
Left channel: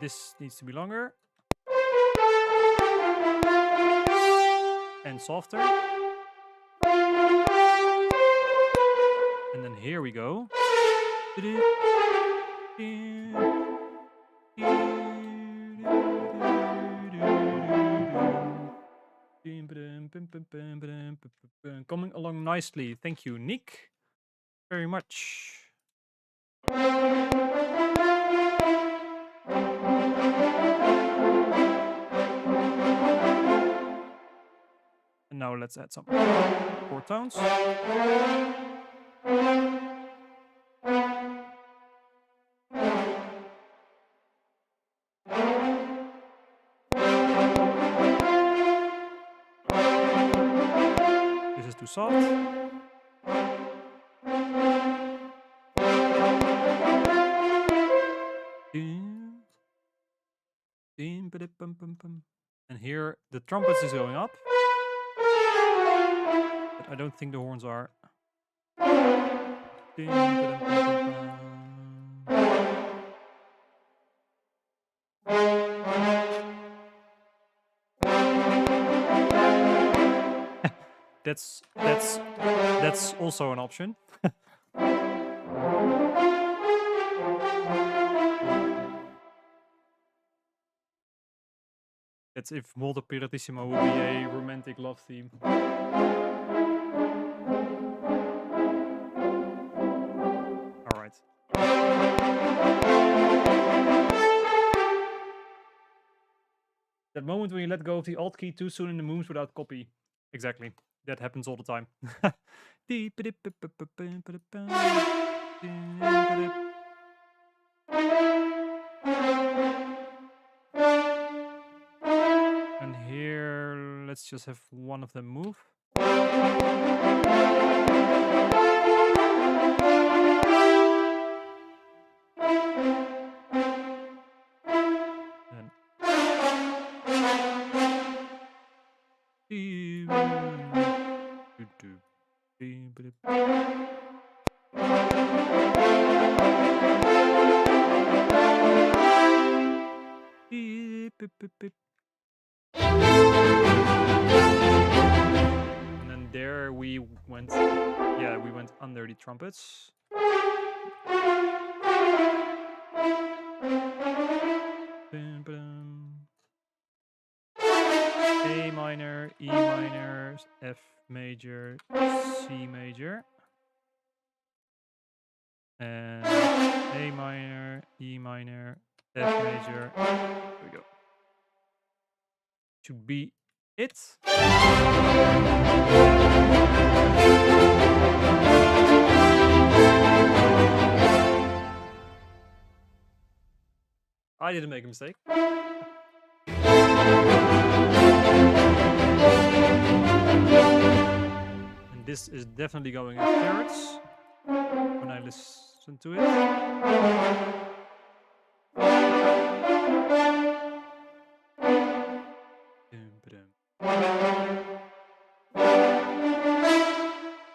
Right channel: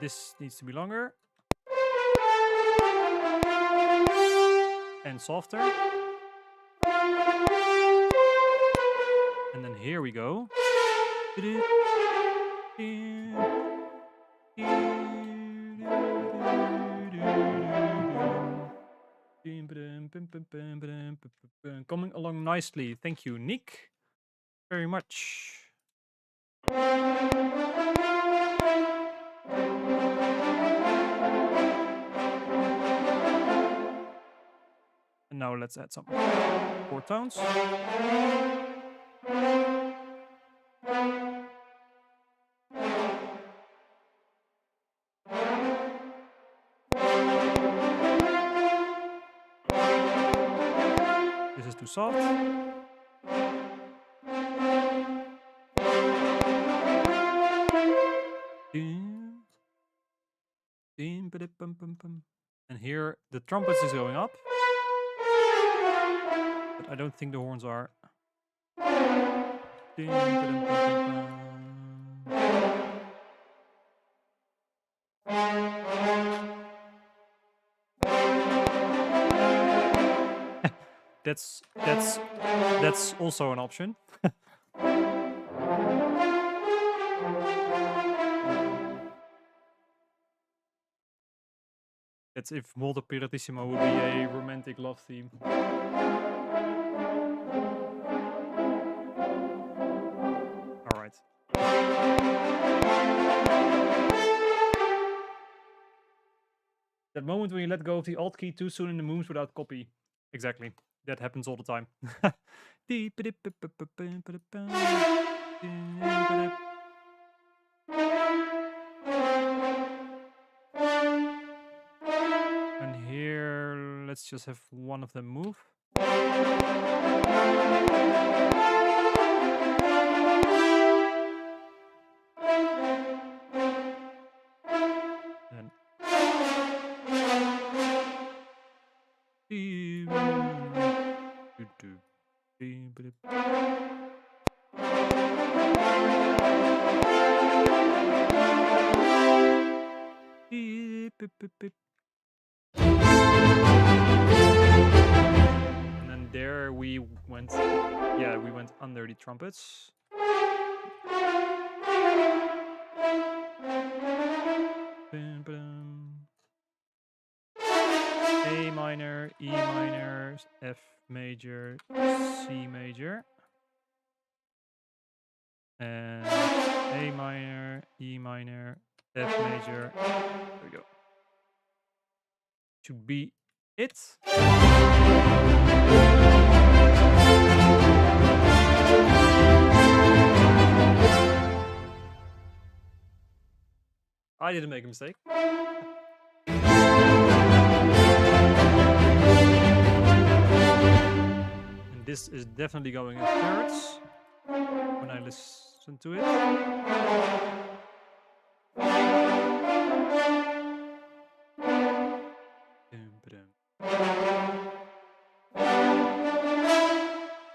This needs to be longer. And softer. And then here we go. Coming along nicely. Thank you, Nick, very much. And now let's add some chord tones. This is too soft. And here the trumpets is going up. But I don't think the horns are. That's also an option. That's if Molto Piratissimo would be a romantic love theme. Alright. That moment when you let go of the Alt key too soon in the moves without copy. Exactly. That happens all the time. And here, let's just have one of them move. And then there we went, yeah, we went under the trumpets. A minor, E minor, F major, C major. And A minor, E minor, F major. There we go. Should be it. I didn't make a mistake. And this is definitely going in thirds when I listen to it.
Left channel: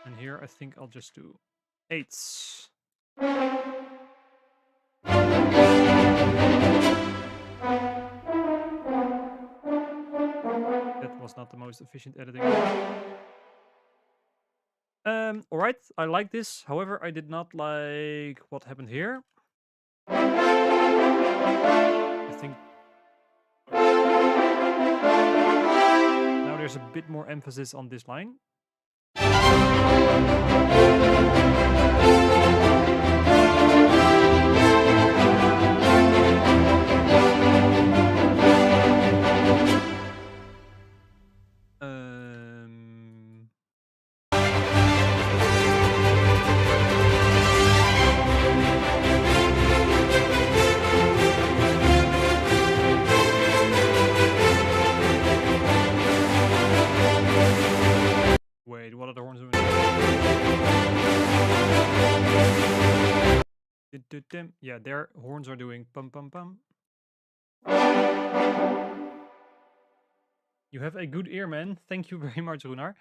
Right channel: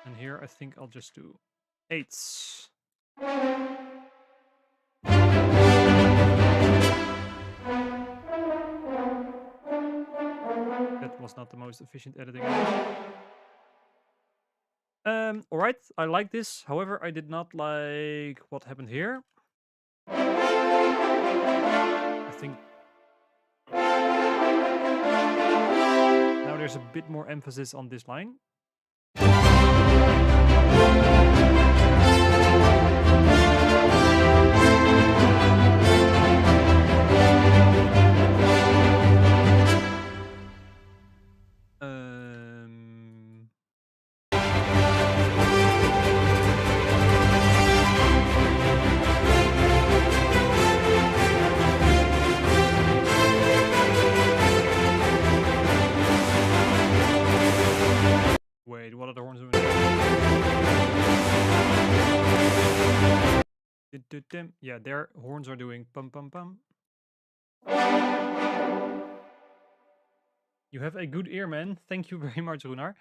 And here I think I'll just do eighths. That was not the most efficient editing. Alright, I like this. However, I did not like what happened here. I think now there's a bit more emphasis on this line. Wait, what are the horns doing? Yeah, their horns are doing pum pum pum. You have a good ear, man. Thank you very much, Runar.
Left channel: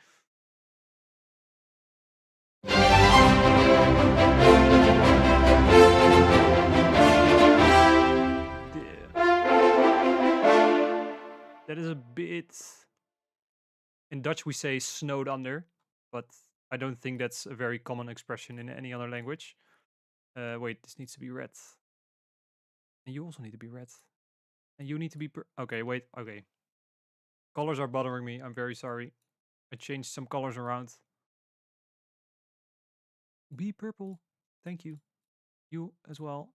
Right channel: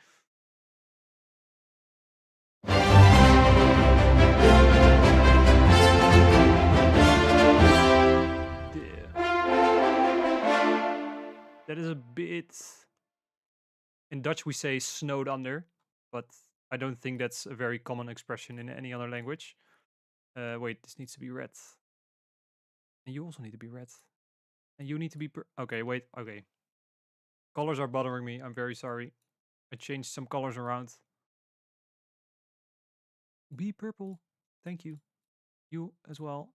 That is a bit... In Dutch we say snowed under, but I don't think that's a very common expression in any other language. Wait, this needs to be red. And you also need to be red. And you need to be okay, wait, okay. Colors are bothering me. I'm very sorry. I changed some colors around. Be purple. Thank you. You as well.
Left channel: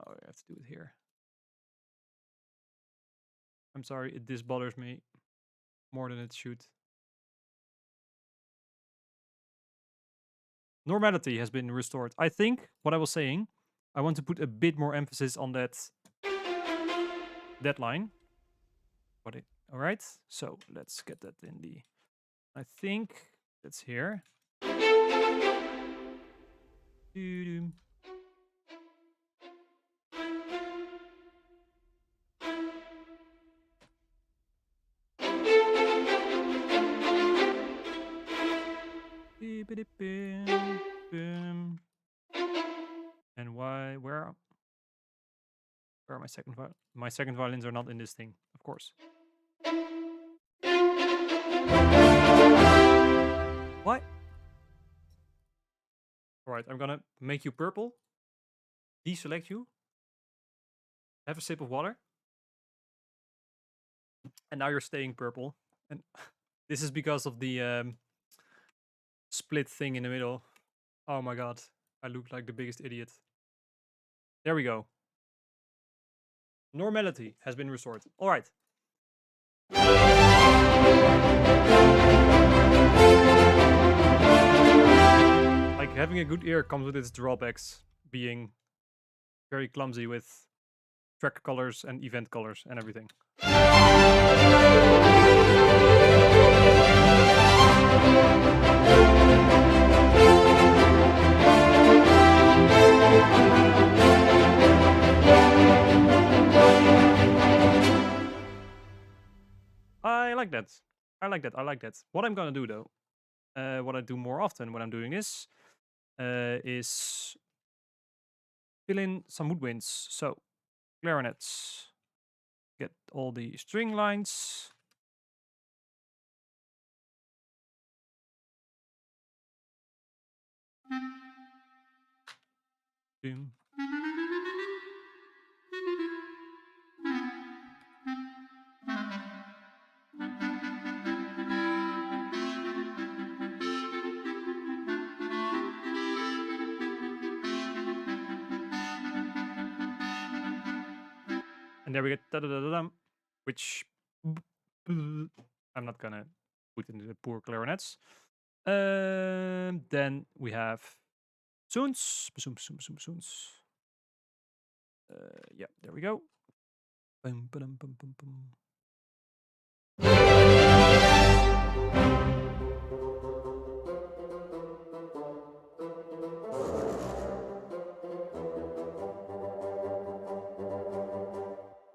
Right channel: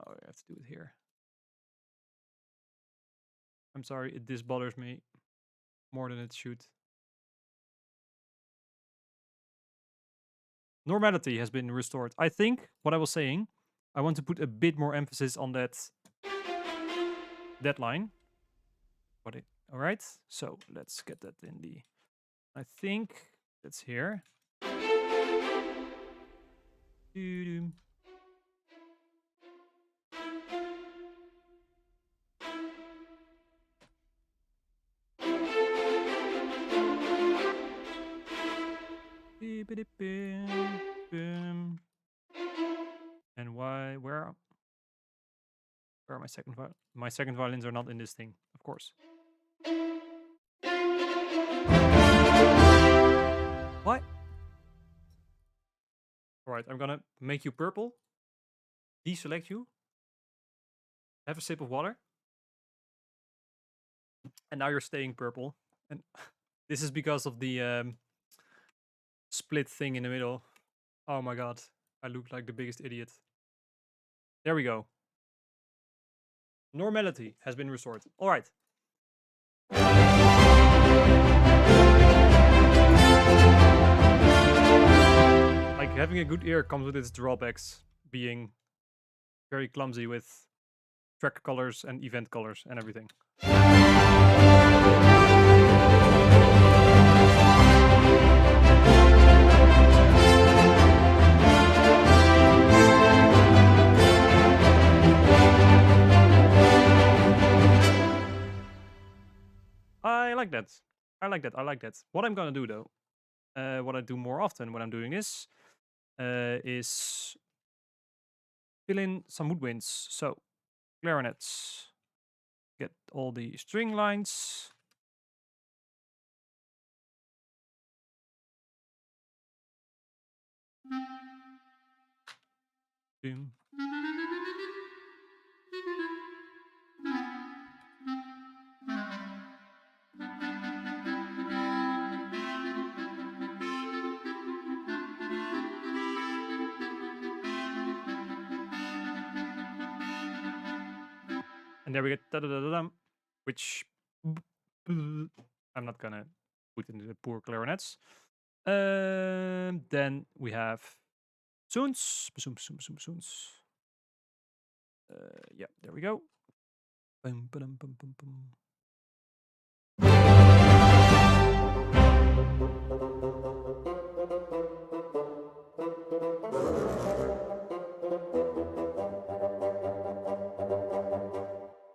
Oh, I have to do it here. I'm sorry, this bothers me more than it should. Normality has been restored. I think what I was saying, I want to put a bit more emphasis on that line. All right, so let's get that in the, I think that's here. And where are my second violins? My second violins are not in this thing, of course. What? All right, I'm gonna make you purple. Deselect you. Have a sip of water. And now you're staying purple. And this is because of the split thing in the middle. Oh my god, I look like the biggest idiot. There we go. Normality has been restored. All right. Like, having a good ear comes with its drawbacks, being very clumsy with track colors and event colors and everything. I like that. I like that. I like that. What I'm gonna do though, what I do more often when I'm doing this, is fill in some woodwinds. So clarinets, get all the string lines. Boom. And there we get da-da-da-da-dum, which I'm not gonna put into the poor clarinets. Then we have soons. Yeah, there we go. Bum, ba-dum, bum, bum, bum.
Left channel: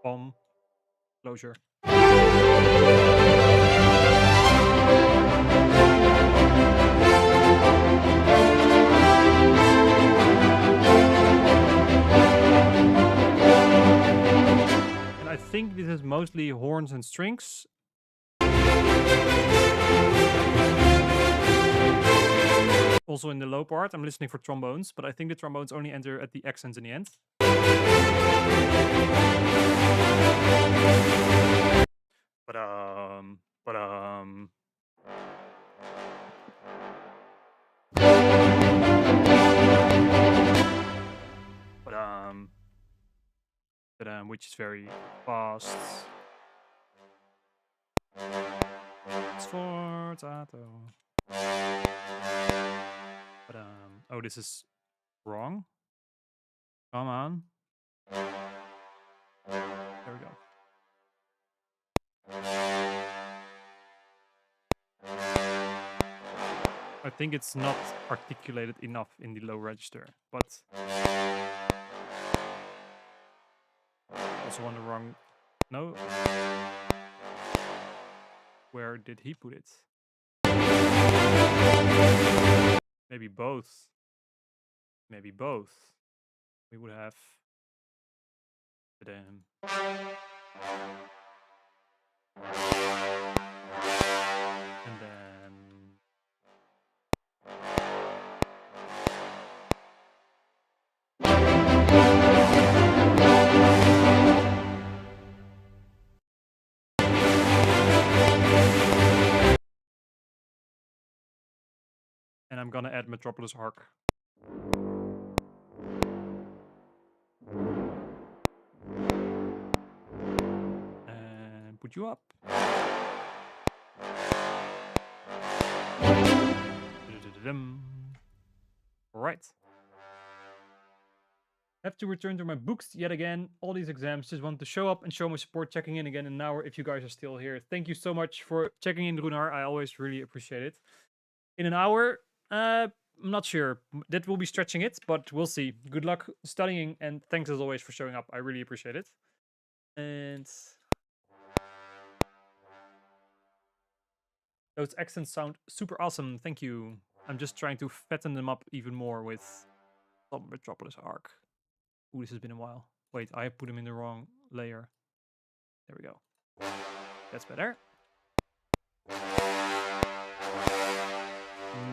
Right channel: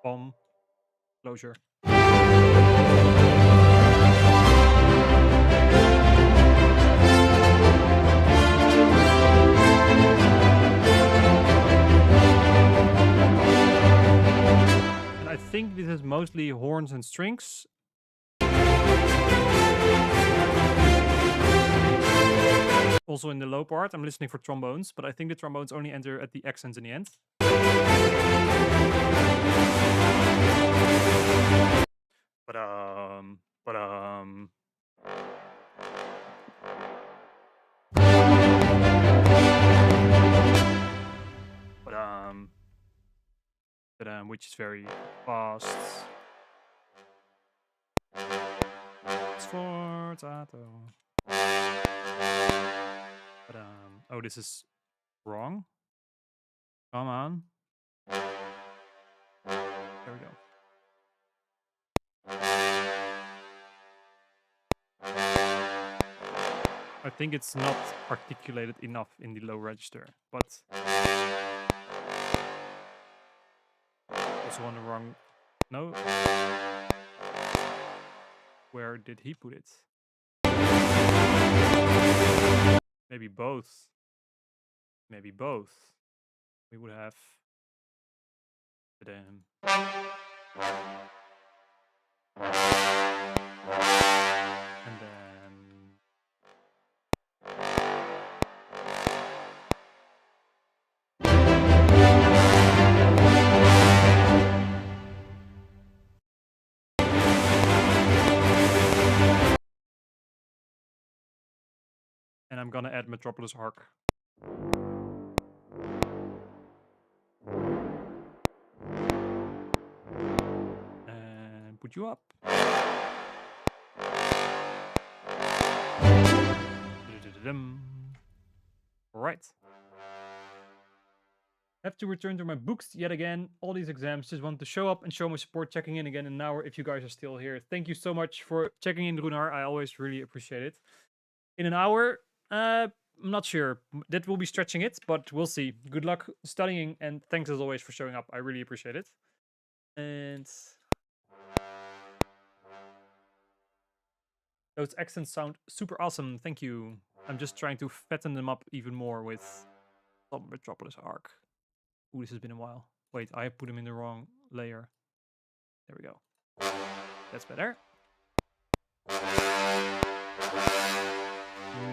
Bomb. Closure. And I think this is mostly horns and strings. Also in the low part, I'm listening for trombones, but I think the trombones only enter at the accents in the end. Ba-dum, ba-dum. Ba-dum. Ba-dum, which is very fast. Sforzato. Ba-dum. Oh, this is wrong. Come on. There we go. I think it's not articulated enough in the low register, but also on the wrong. No. Where did he put it? Maybe both. Maybe both. We would have. And then. I'm gonna add Metropolis Arc. And put you up. Alright. Have to return to my books yet again. All these exams, just want to show up and show my support, checking in again in an hour if you guys are still here. Thank you so much for checking in, Runar. I always really appreciate it. In an hour, I'm not sure. That will be stretching it, but we'll see. Good luck studying, and thanks as always for showing up. I really appreciate it. And those accents sound super awesome. Thank you. I'm just trying to fatten them up even more with some Metropolis Arc. Ooh, this has been a while. Wait, I put them in the wrong layer. There we go. That's better.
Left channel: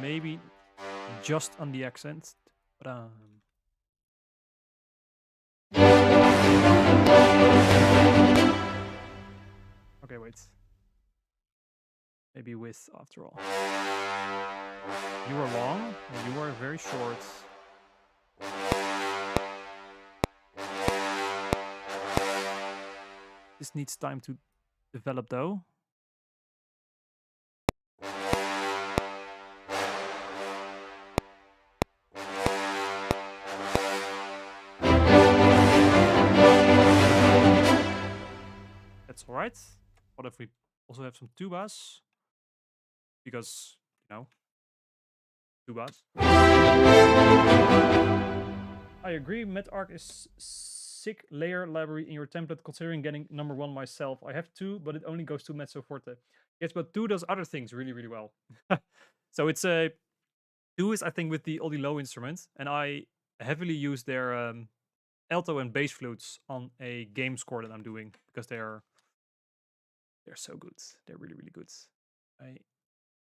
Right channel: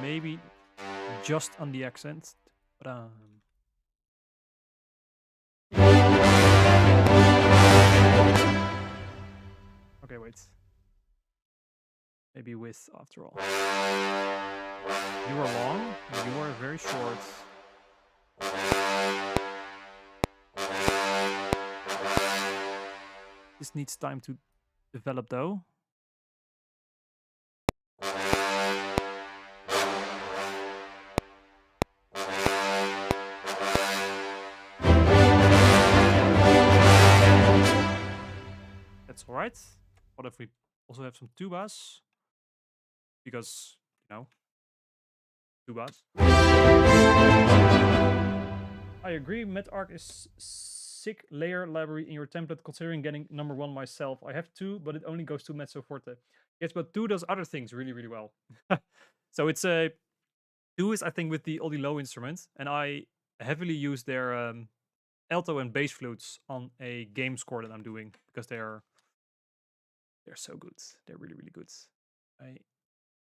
Maybe just on the accent. But okay, wait. Maybe with after all. You are long, and you are very short. This needs time to develop though. That's alright. What if we also have some tubas? Because, you know, tubas. I agree, MetArc is sick layer library in your template, considering getting number 1 myself. I have 2, but it only goes to Mezzo Forte. Yes, but 2 does other things really, really well. So it's a 2 is, I think, with all the low instruments, and I heavily use their alto and bass flutes on a game score that I'm doing because they're so good. They're really, really good.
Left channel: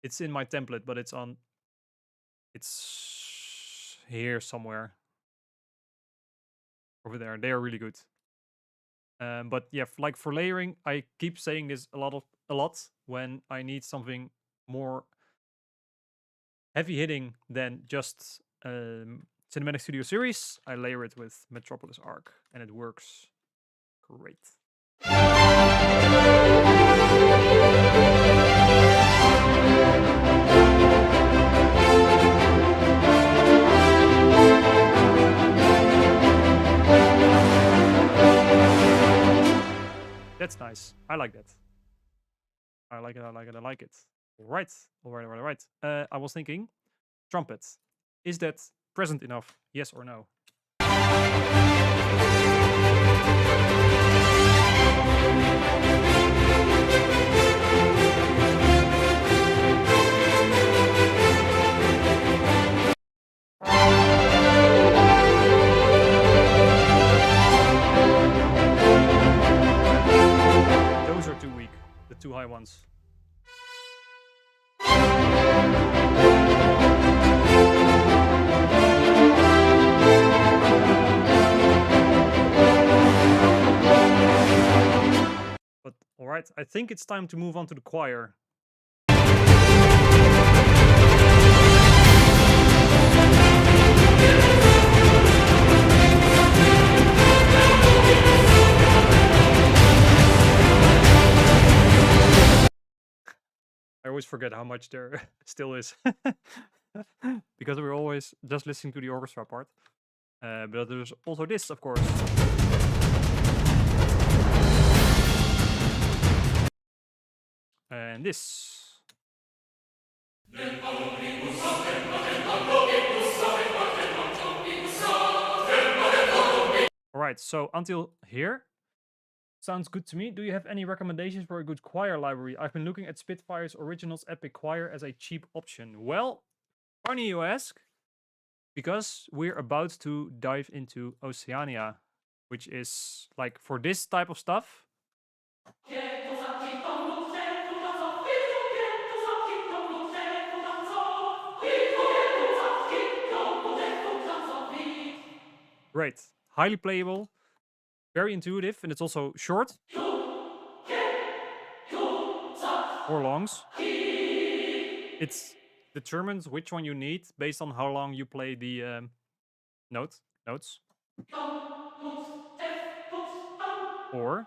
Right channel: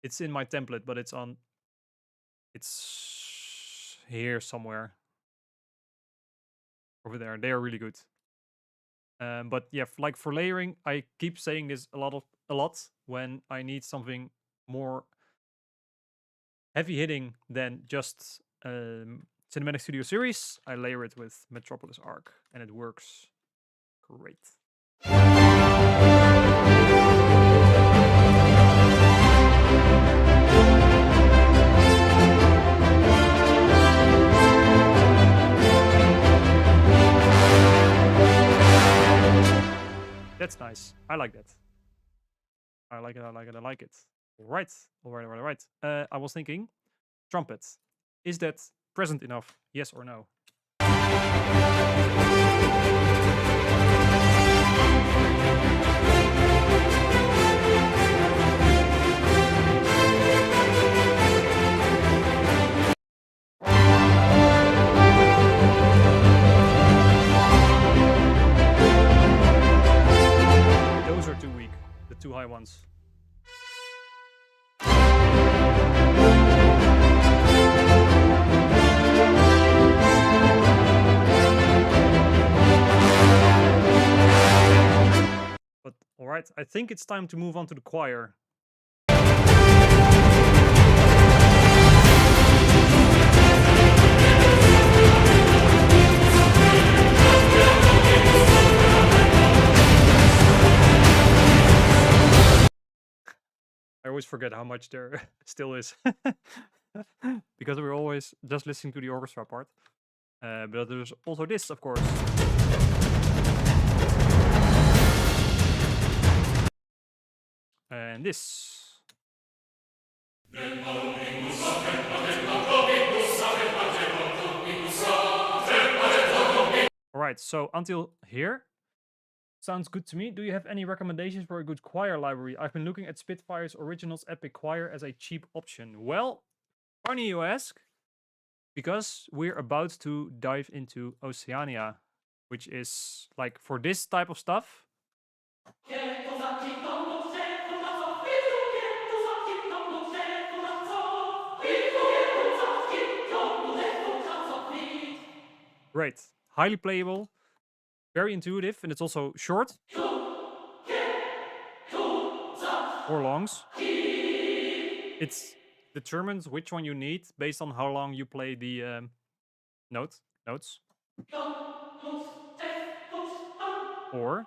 It's in my template, but it's here somewhere. Over there. They are really good. But yeah, like for layering, I keep saying this a lot when I need something more heavy hitting than just Cinematic Studio Series. I layer it with Metropolis Arc, and it works great. That's nice. I like that. I like it. I like it. I like it. All right. All right. All right. All right. I was thinking, trumpet. Is that present enough? Yes or no? Those are too weak. The 2 high ones. But all right, I think it's time to move on to the choir. I always forget how much there still is. Because we're always just listening to the orchestra part. But there's also this, of course. And this. Alright, so until here. Sounds good to me. Do you have any recommendations for a good choir library? I've been looking at Spitfire's Originals Epic Choir as a cheap option. Well, funny you ask, because we're about to dive into Oceania, which is like for this type of stuff. Great. Highly playable. Very intuitive, and it's also short. Or longs. It's determines which one you need based on how long you play the notes. Or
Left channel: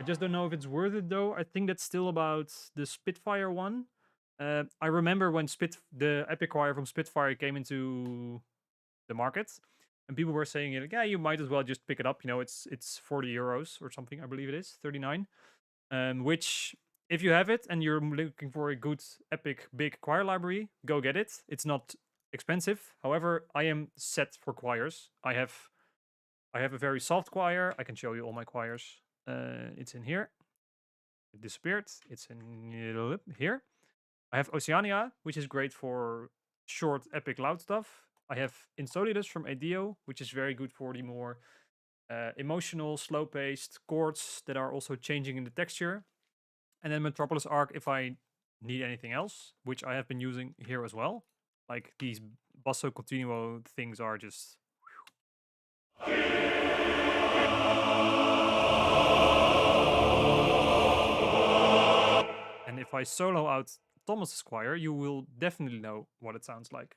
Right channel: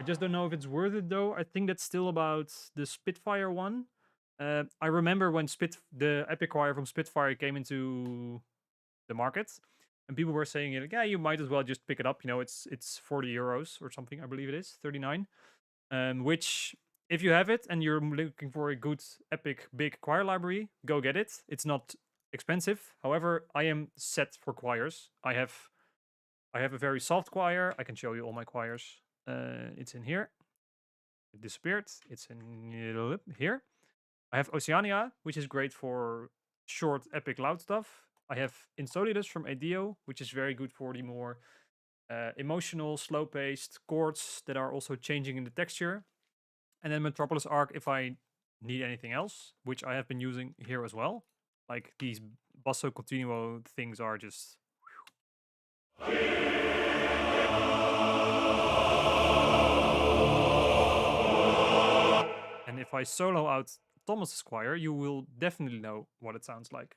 I just don't know if it's worth it though. I think that's still about the Spitfire one. I remember when the Epic Choir from Spitfire came into the market, and people were saying, like, yeah, you might as well just pick it up. You know, it's 40 euros or something. I believe it is 39. Which, if you have it and you're looking for a good Epic big choir library, go get it. It's not expensive. However, I am set for choirs. I have a very soft choir. I can show you all my choirs. It's in here. It disappeared. It's in here. I have Oceania, which is great for short, epic, loud stuff. I have Insolitus from ADO, which is very good for the more emotional, slow-paced chords that are also changing in the texture. And then Metropolis Arc if I need anything else, which I have been using here as well. Like these basso continuo things are just... And if I solo out Thomas's choir, you will definitely know what it sounds like.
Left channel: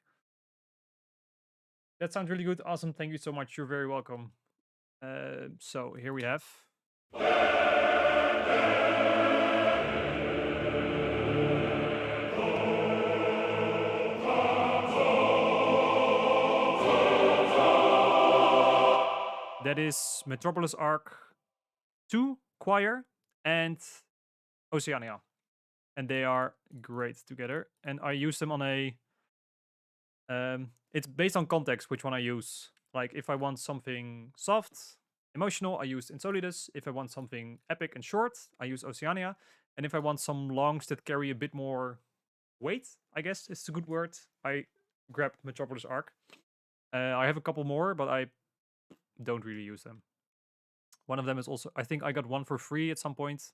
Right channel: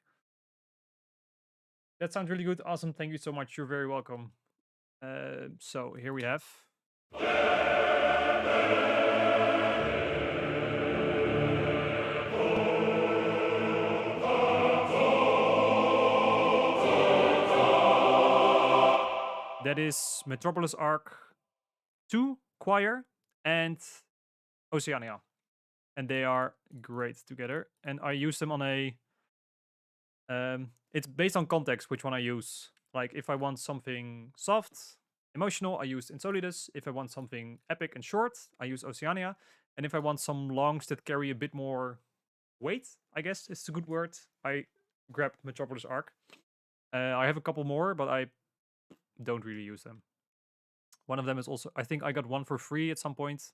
That sounds really good. Awesome. Thank you so much. You're very welcome. So here we have. That is Metropolis Arc 2 choir and Oceania. And they are great together. And I use them on a... it's based on context which one I use. Like if I want something soft, emotional, I use Insolitus. If I want something epic and short, I use Oceania. And if I want some longs that carry a bit more weight, I guess is a good word, I grab Metropolis Arc. I have a couple more, but I don't really use them. One of them is also... I think I got one for free at some point.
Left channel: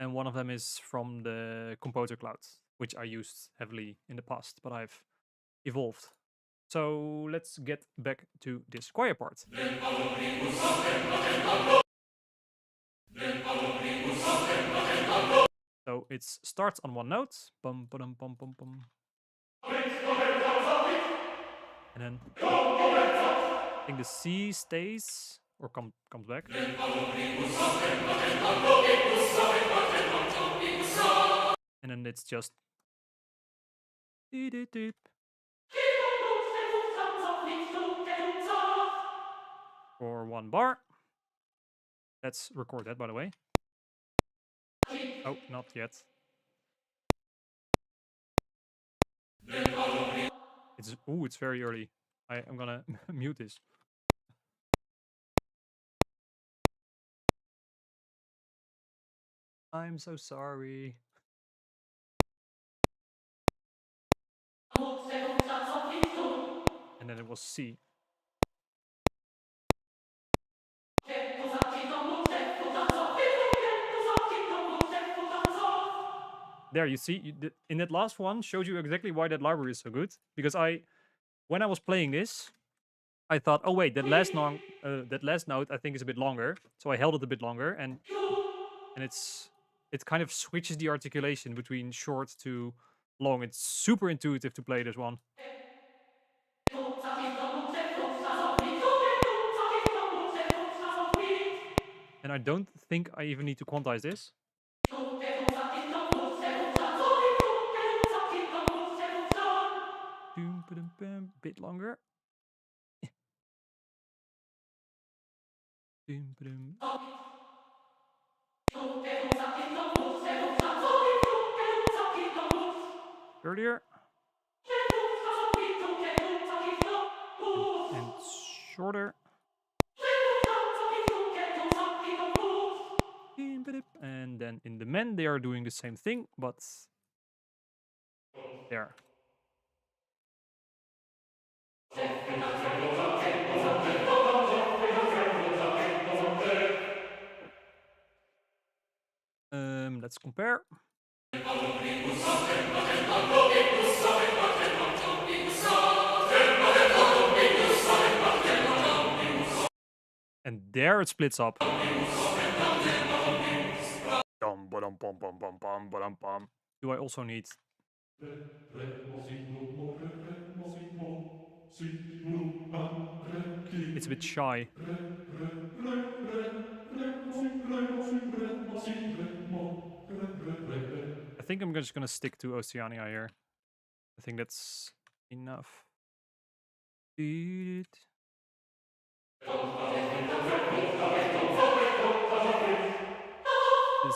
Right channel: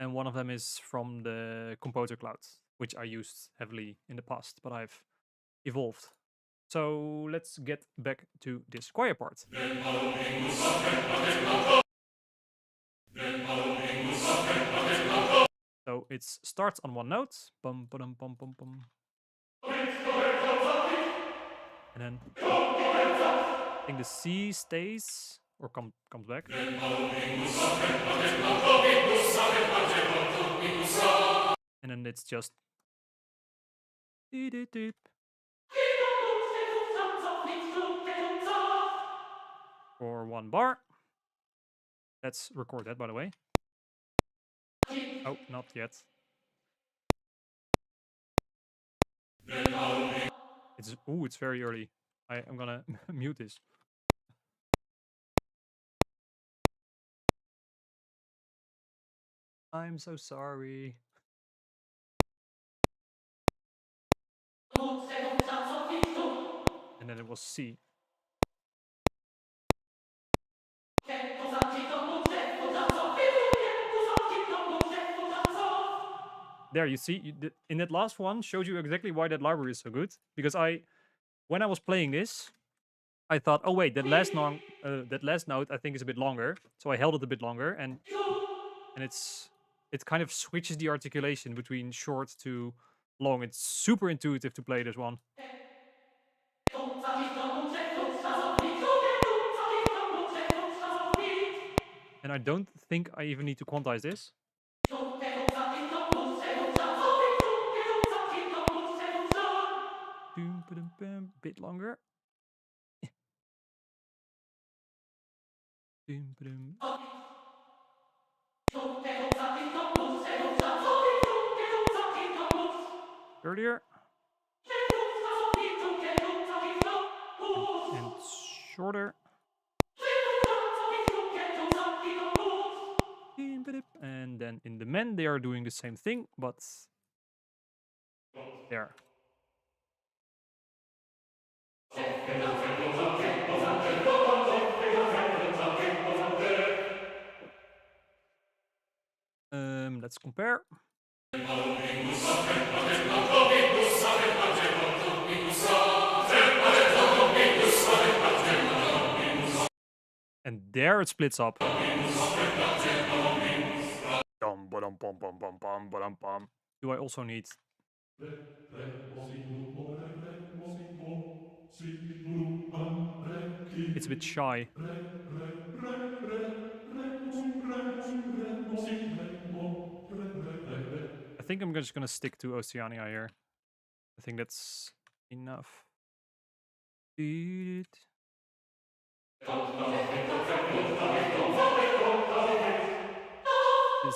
And one of them is from the Composer Cloud, which I used heavily in the past, but I've evolved. So let's get back to this choir part. So it starts on one note. Bum, ba-dum, bum, bum, bum. And then I think the C stays or comes back. And then it's just for one bar. Let's record that, by the way. Oh, not yet. It's very early. I'm gonna mute this. I'm so sorry. And then it was C. There, you see, in that last one, showed you exactly why that library is so good. Because when I was playing this, I thought, oh wait, that last note I think is a bit longer. So I held it a bit longer, and it kind of switches the articulation between short to long. It's super intuitive to play this one. And I don't think I even need to quantize this. Bit longer. Earlier. And shorter. And then in the men, they are doing the same thing, but there. Let's compare. And there it splits up. Dum, ba-dum, bum, bum, bum, bum, ba-dum, bum. Do I also need... It's a bit shy. I think I'm just gonna stick to Oceania here. I think that's enough. This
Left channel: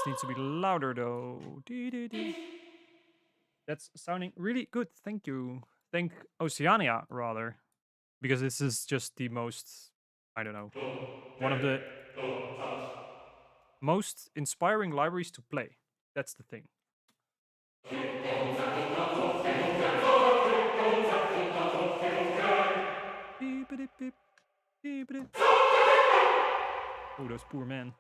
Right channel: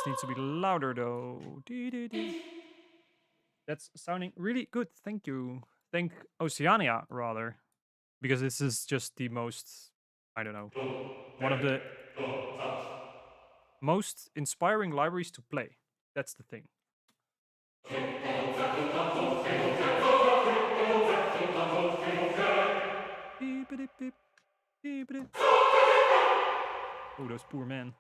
needs to be louder though. That's sounding really good. Thank you. Thank Oceania rather. Because this is just the most, I don't know, one of the most inspiring libraries to play. That's the thing. Oh, those poor men.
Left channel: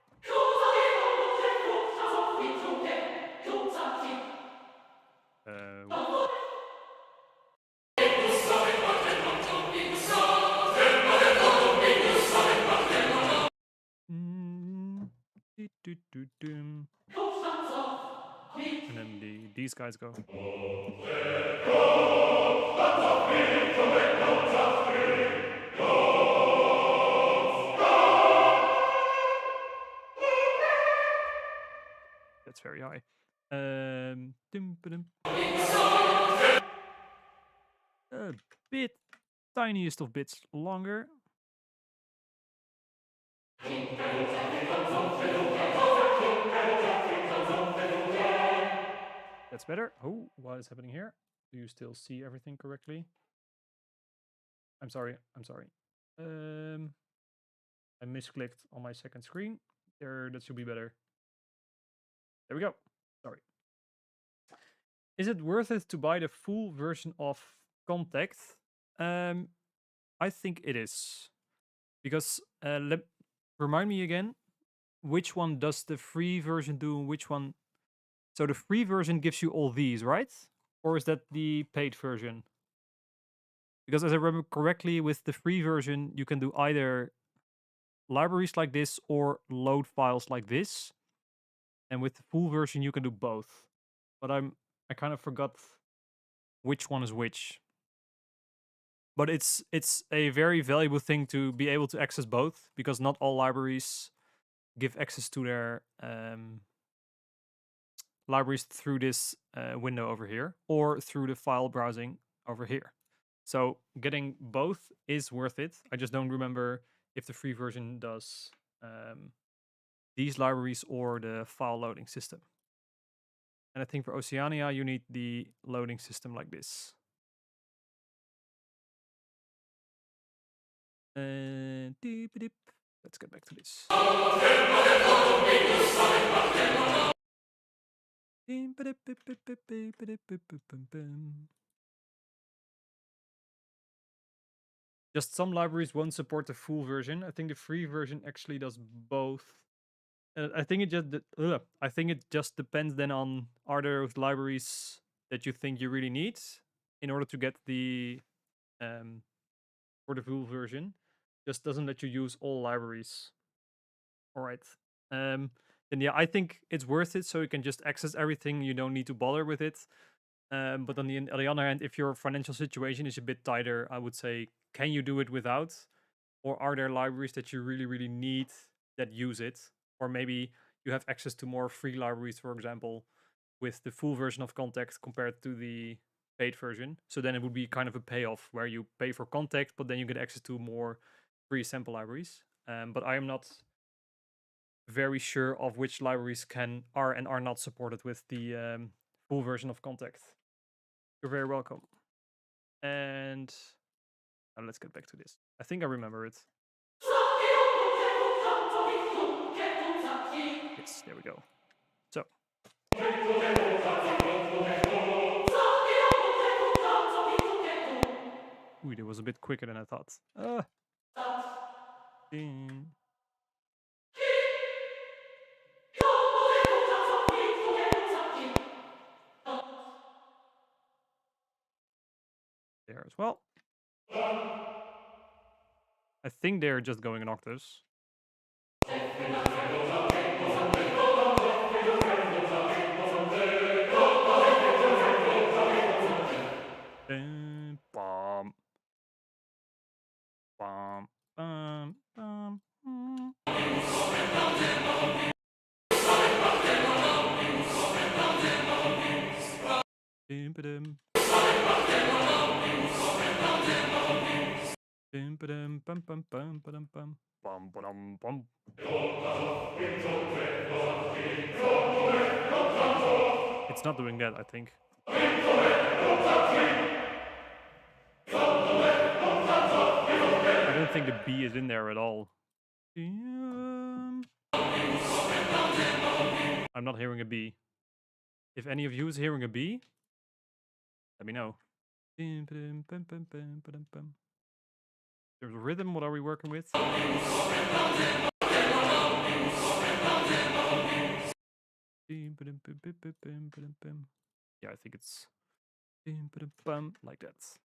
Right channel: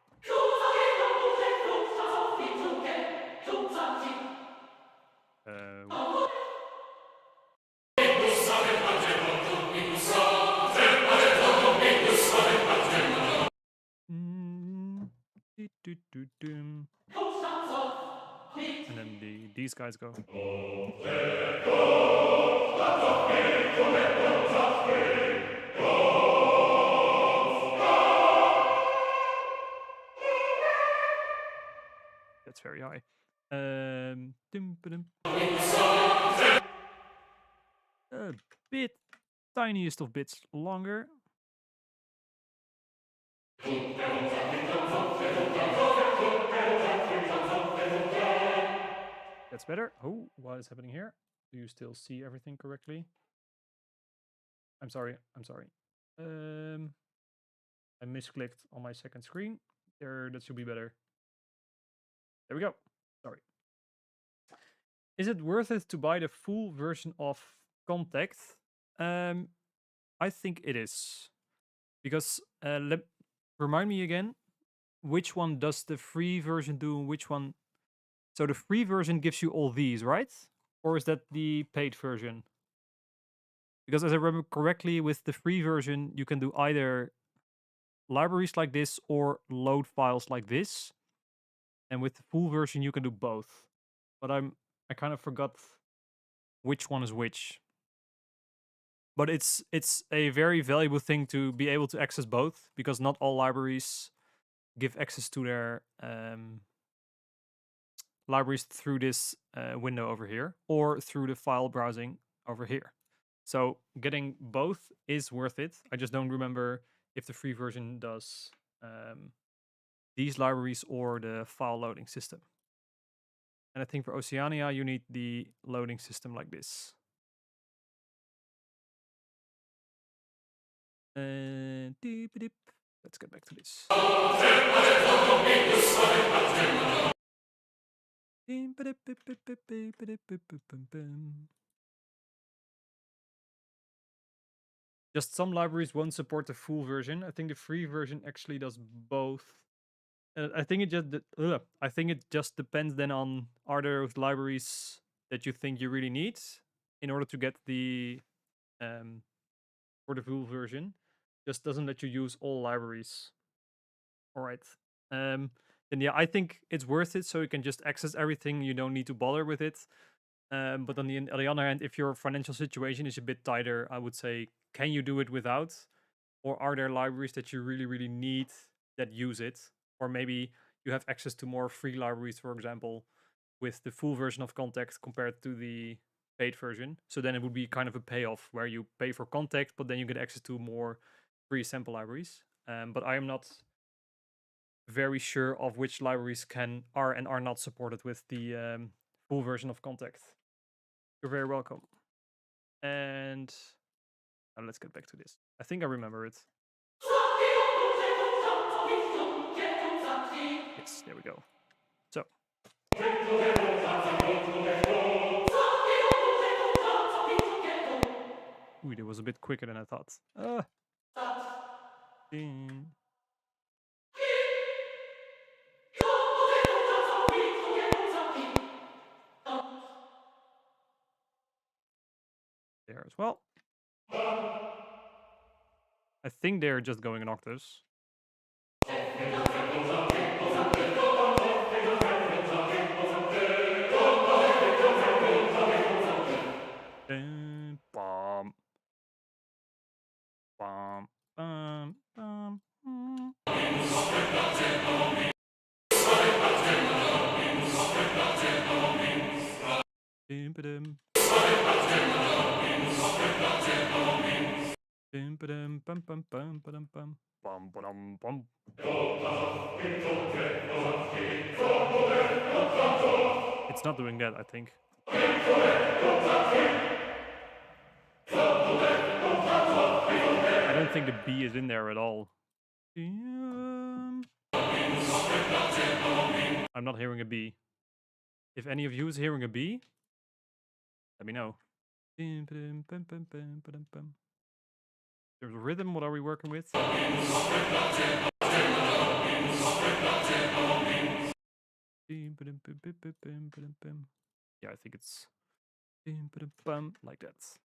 And then these guys go. That's very high. A bit tiniest of bits longer. That's better. Oh, what is happening here? Do you still see everything correctly? I'm sorry. I'm sorry. I misclicked on my second screen. There, that should be better. There we go. Sorry. Is it worth it to buy the full version of Contact? I think it is. Because, remind me again, which one does the free version do and which one... So the free version gives you all these, right? Or is that the paid version? Because as I remember correctly, with the free version, you can do either libraries like this or load files like this. And with the full version, you can do both. But I kind of forgot which one is which. But it's a very valuable thing to be able to access both, because not all libraries give access to their libraries through this window over here, or through the file browsing over here. So getting both is worth it. I just don't remember if the free version does these libraries or the file loading system. And I think for Oceania, you need the loading system like this. Let's get back to this. Just some libraries won't support the full version. I think the free version actually does both. I think it just depends then on, are there libraries that you think you really need in order to get the for the full version. Just doesn't let you use all libraries. All right. Then yeah, I think it's worth it, so you can just access everything. You don't need to bother with it. But on the other hand, if your financial situation is a bit tighter, I would say, can you do it without? Or are there libraries that you really, really need that use it? Or maybe you have access to more free libraries, for example, with the full version of Contact compared to the paid version. So then it would be kind of a payoff where you pay for Contact, but then you get access to more free sample libraries. But I am not very sure of which libraries are and are not supported with the full version of Contact. You're very welcome. And now let's get back to this. I think I remember it. Yes, there we go. So. Ooh, it was a bit quicker than I thought. There as well. I think they're just going in octaves. Ba-dum, bum, bum, bum, ba-dum, bum. Bum, ba-dum, bum. It's not doing that, I think. I don't think the B is in there at all. I'm not hearing a B. If any of you is hearing a B, let me know. There's a rhythm, what are we working with? Yeah, I think it's like that.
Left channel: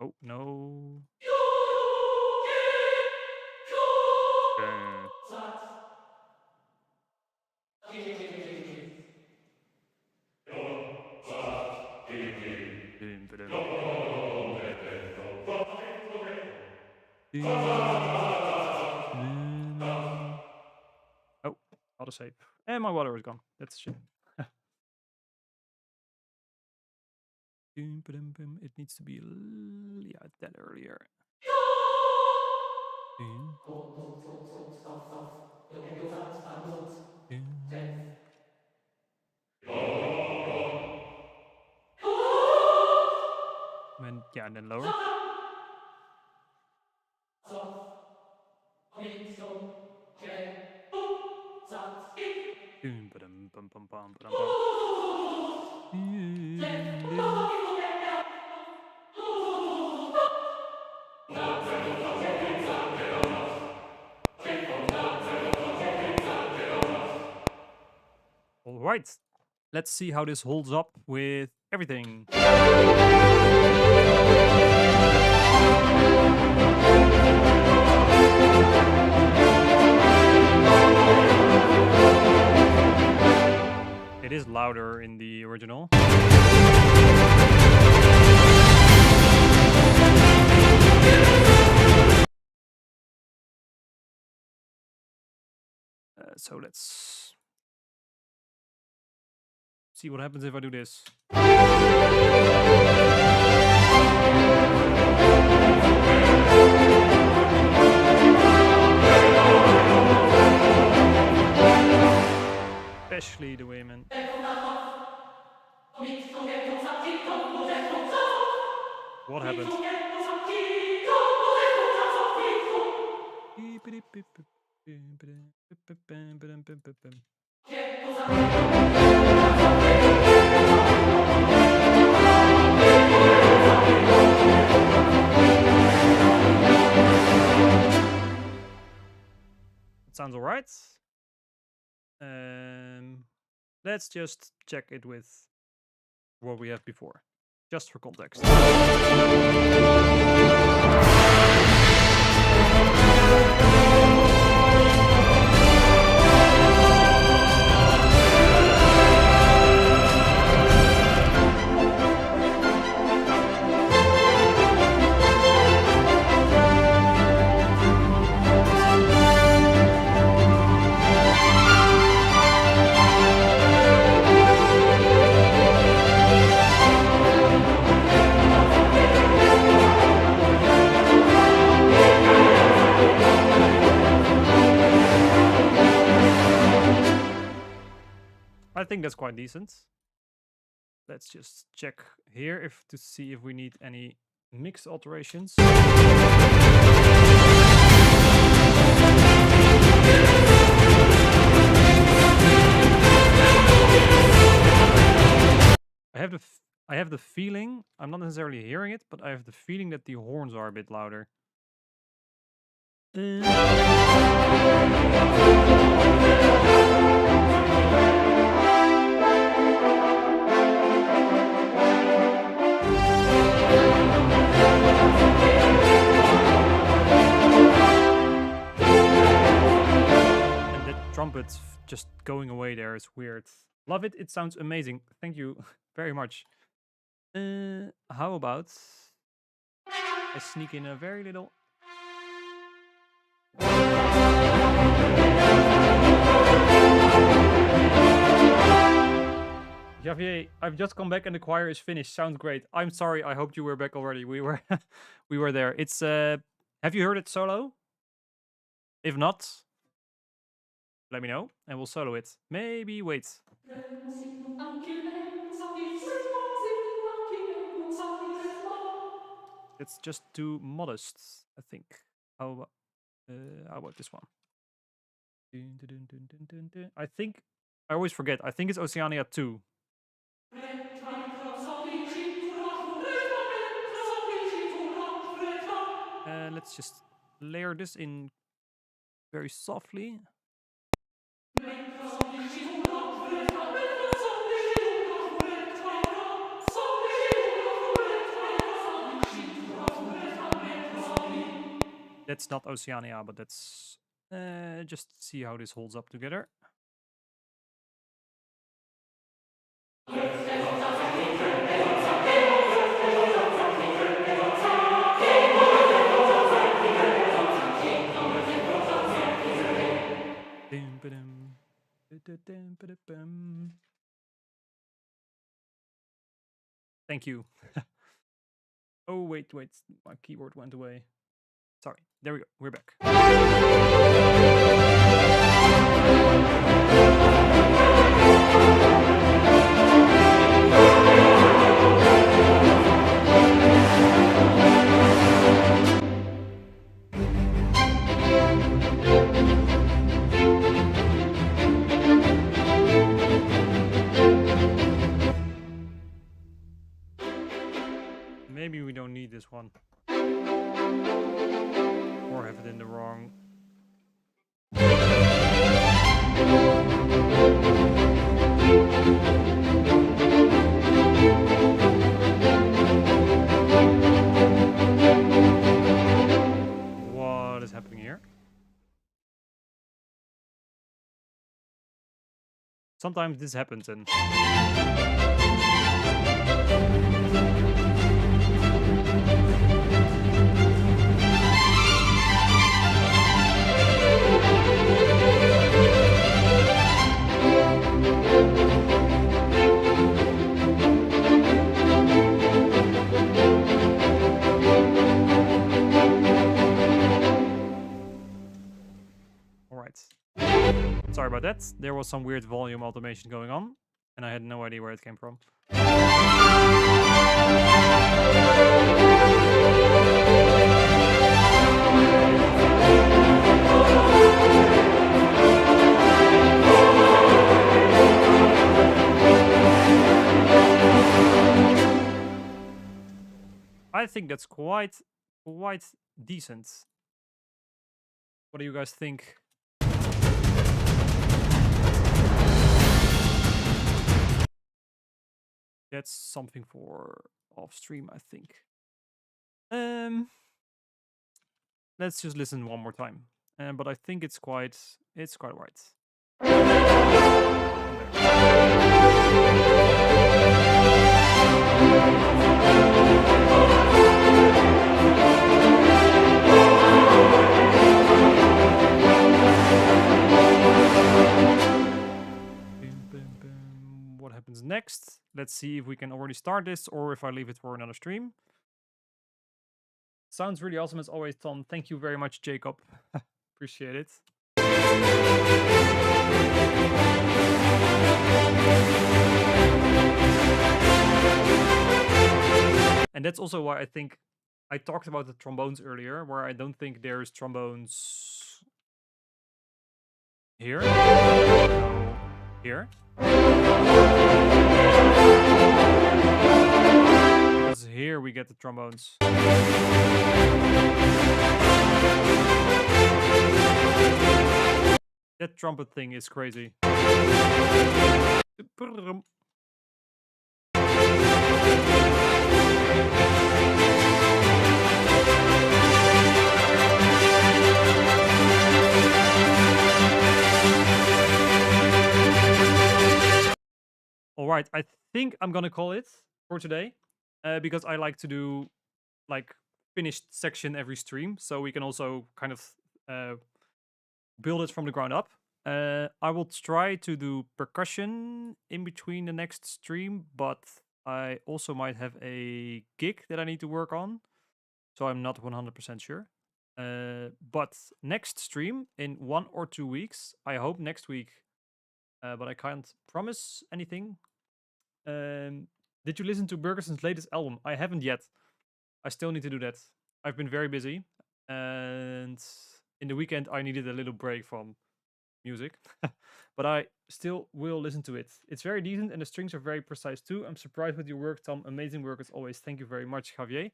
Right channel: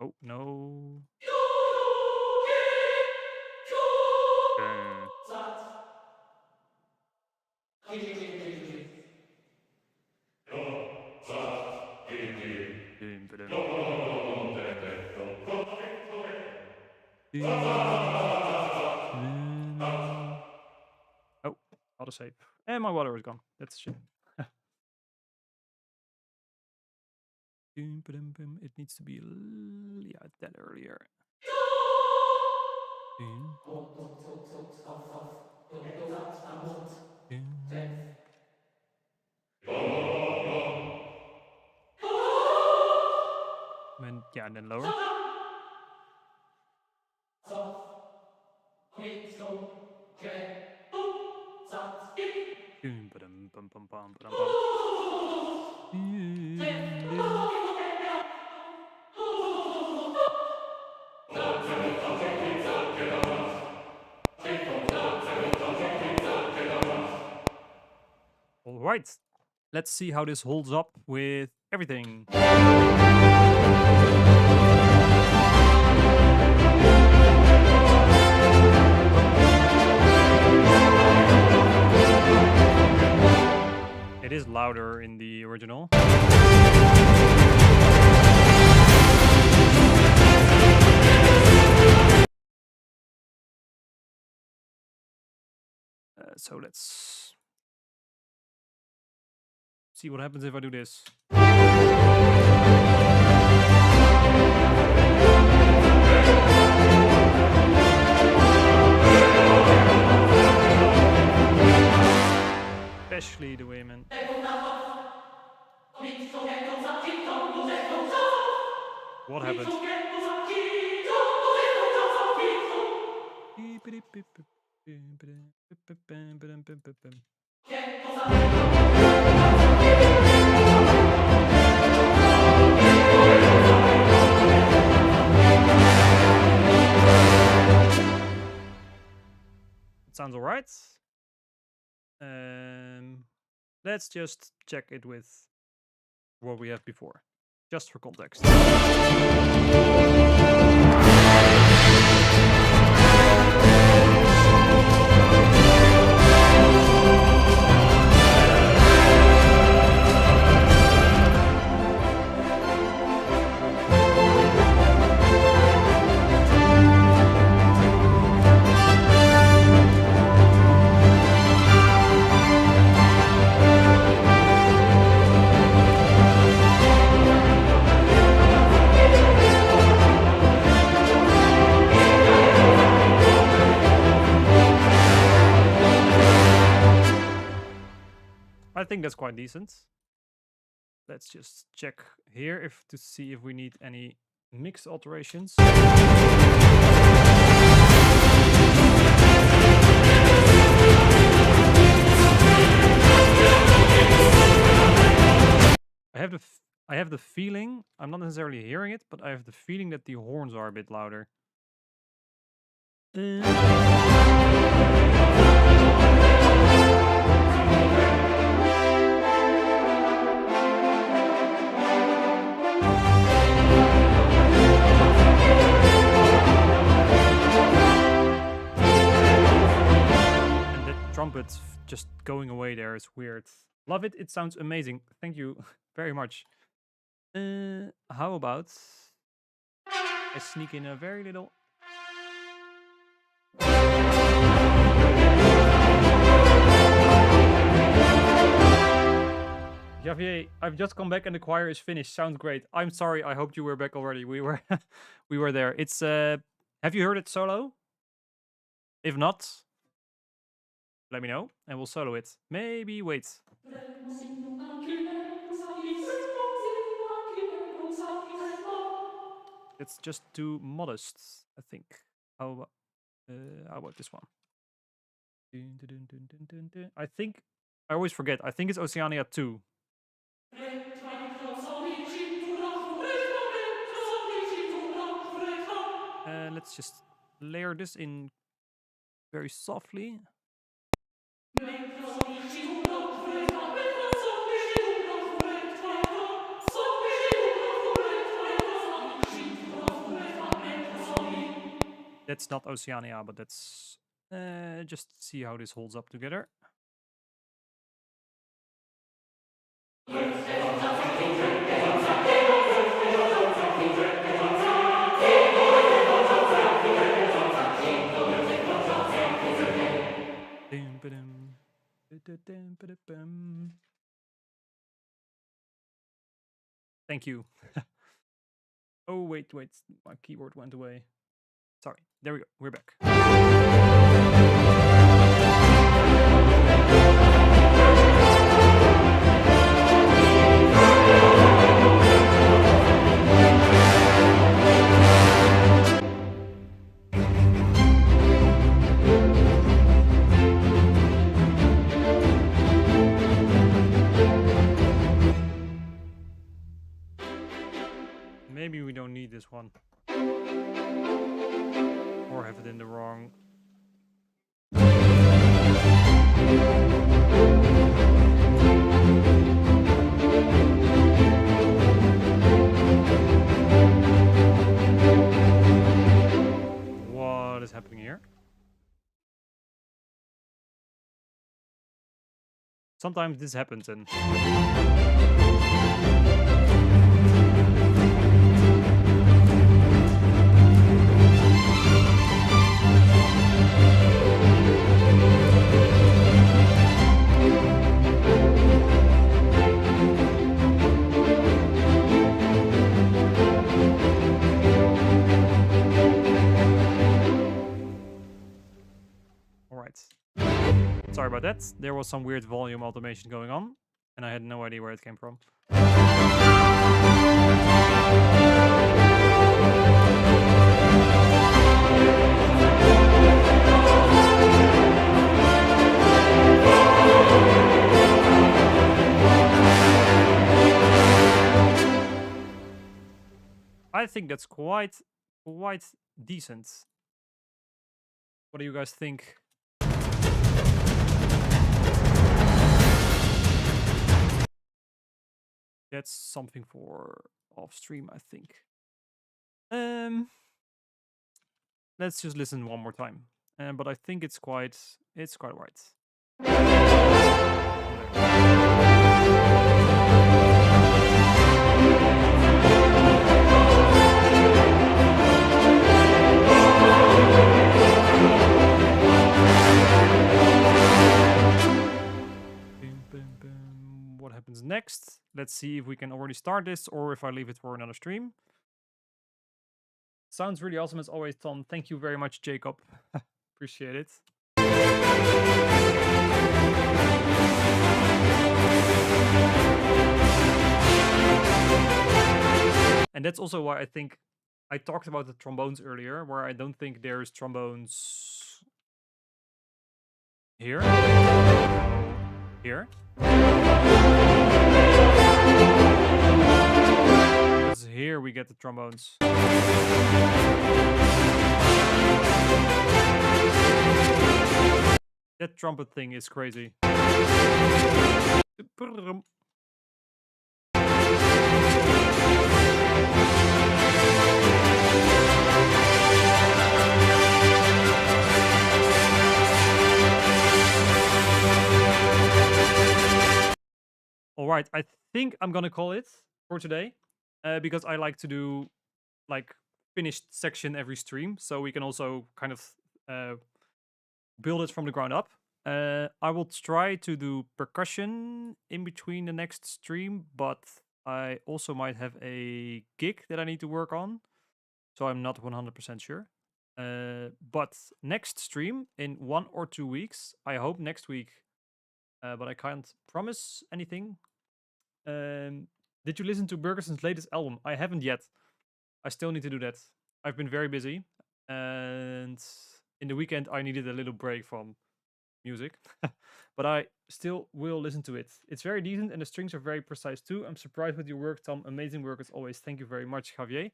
Oh, no. Oh, autosave. And my water is gone. That's shit. It needs to be yeah, that earlier. And yeah, and then lower. All right, let's see how this holds up with everything. It is louder in the original. So let's see what happens if I do this. Especially the women. What happened? It sounds all right. Let's just check it with what we have before, just for context. I think that's quite decent. Let's just check here to see if we need any mix alterations. I have the feeling, I'm not necessarily hearing it, but I have the feeling that the horns are a bit louder. Trumpets just going away there is weird. Love it. It sounds amazing. Thank you very much. How about I sneak in a very little. Javier, I've just come back and the choir is finished. Sounds great. I'm sorry. I hoped you were back already. We were we were there. It's Have you heard it solo? If not, let me know and we'll solo it. Maybe wait. It's just too modest, I think. How about this one? I think I always forget. I think it's Oceania 2. Let's just layer this in very softly. That's not Oceania, but that's just see how this holds up together. Thank you. Oh, wait. My keyboard went away. Sorry. There we go. We're back. Maybe we don't need this one. Or have it in the wrong. What is happening here? Sometimes this happens and... Sorry about that. There was some weird volume automation going on, and I had no idea where it came from. I think that's quite decent. What do you guys think? That's something for off stream, I think. Let's just listen one more time. But I think it's quite right. What happens next? Let's see if we can already start this or if I leave it for another stream. Sounds really awesome as always, Tom. Thank you very much, Jacob. Appreciate it. And that's also why I think I talked about the trombones earlier, where I don't think there's trombones here. No, here. Because here we get the trombones. That trumpet thing is crazy. All right, I think I'm gonna call it for today because I like to do like finished section every stream, so we can also kind of build it from the ground up. I will try to do percussion in between the next stream, but I also might have a gig that I need to work on, so I'm not 100% sure. But next stream in 1 or 2 weeks, I hope next week, but I can't promise anything. Did you listen to Bergerson's latest album? I haven't yet. I still need to do that. I've been very busy, and in the weekend I needed a little break from music, but I still will listen to it. It's very decent, and the strings are very precise too. I'm surprised with your work, Tom. Amazing work as always. Thank you very much, Javier.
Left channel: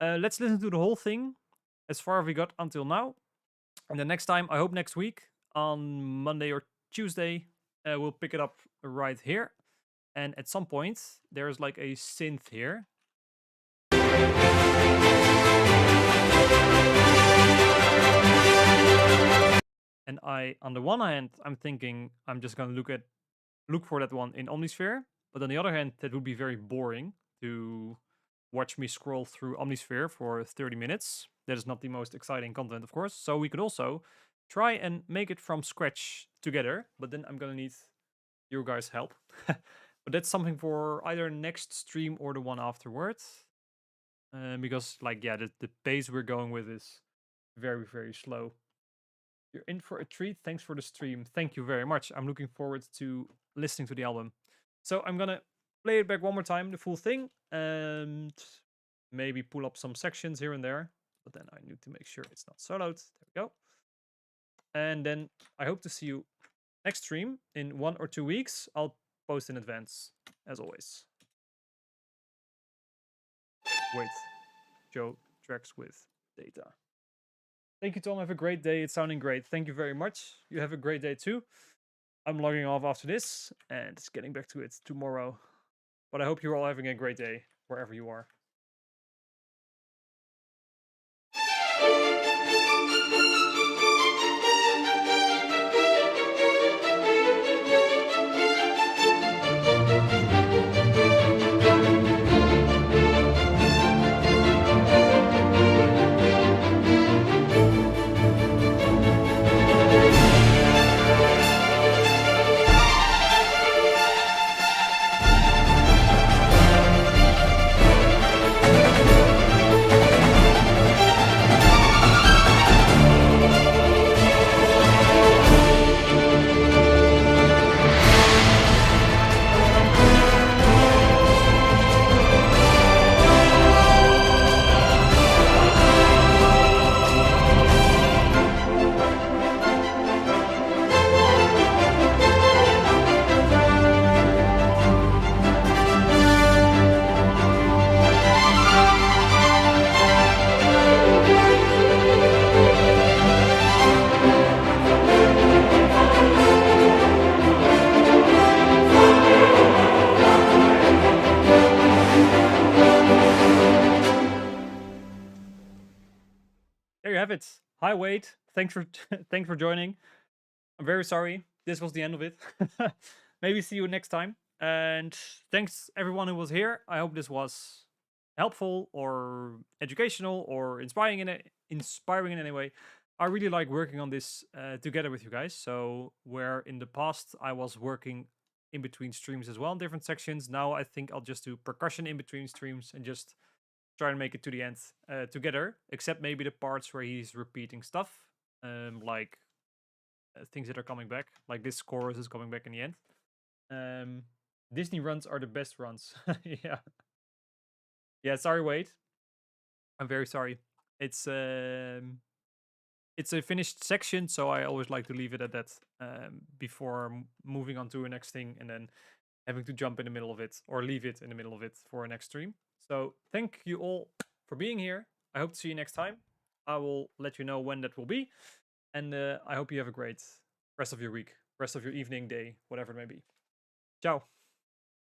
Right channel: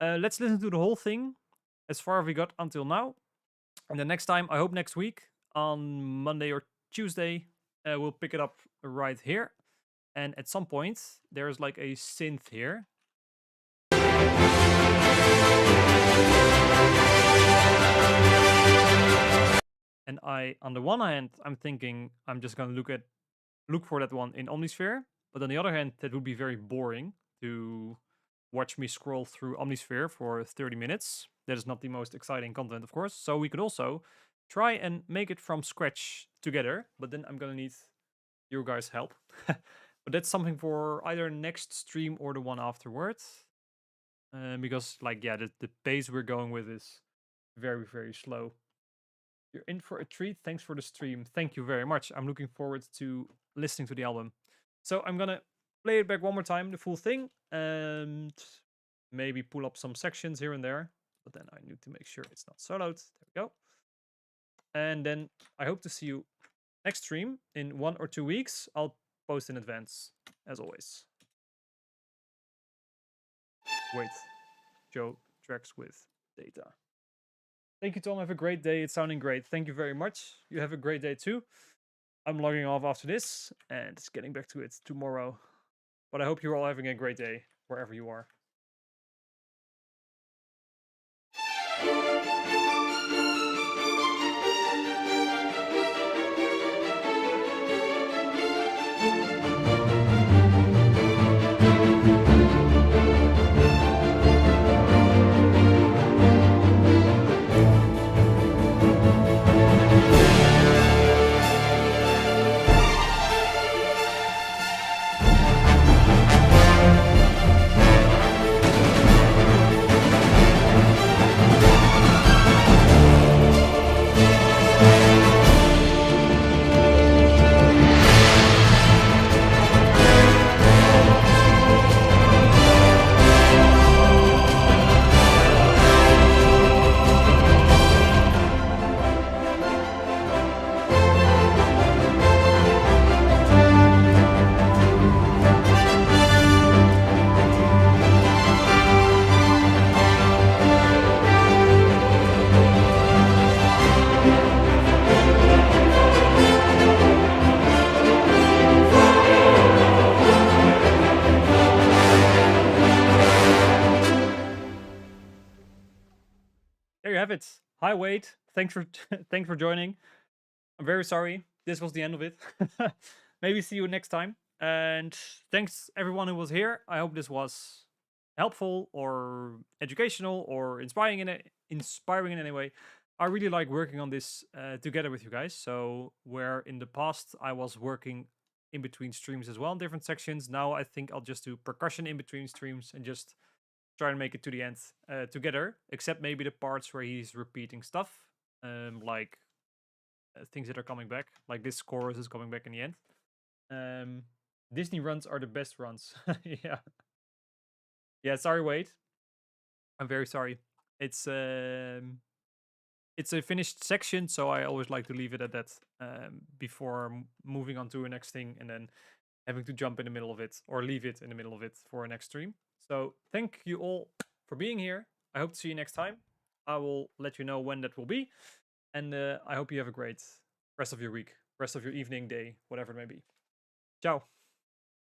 Let's listen to the whole thing as far as we got until now. And the next time, I hope next week on Monday or Tuesday, we'll pick it up right here. And at some point, there's like a synth here. And on the one hand, I'm thinking I'm just gonna look for that one in Omnisphere. But on the other hand, that would be very boring to watch me scroll through Omnisphere for 30 minutes. That is not the most exciting content, of course. So we could also try and make it from scratch together. But then I'm gonna need your guys' help. But that's something for either next stream or the one afterwards. Because, like, yeah, the pace we're going with is very, very slow. You're in for a treat. Thanks for the stream. Thank you very much. I'm looking forward to listening to the album. So I'm gonna play it back one more time, the full thing, and maybe pull up some sections here and there. But then I need to make sure it's not soloed. There we go. And then I hope to see you next stream in 1 or 2 weeks. I'll post in advance, as always. Wait, Joe tracks with data. Thank you, Tom. Have a great day. It's sounding great. Thank you very much. You have a great day too. I'm logging off after this and getting back to it tomorrow. But I hope you're all having a great day wherever you are. There you have it. Hi, Wade. Thanks for joining. I'm very sorry. This was the end of it. Maybe see you next time. And thanks everyone who was here. I hope this was helpful or educational or inspiring in any way. I really like working on this together with you guys. So where in the past I was working in between streams as well in different sections, now I think I'll just do percussion in between streams and just try and make it to the end together, except maybe the parts where he's repeating stuff, like things that are coming back, like this chorus is coming back in the end. Disney runs are the best runs. Yeah, sorry, Wade. I'm very sorry. It's a finished section, so I always like to leave it at that before moving on to a next thing and then having to jump in the middle of it or leave it in the middle of it for a next stream. So thank you all for being here. I hope to see you next time. I will let you know when that will be. And I hope you have a great rest of your week, rest of your evening, day, whatever it may be. Ciao.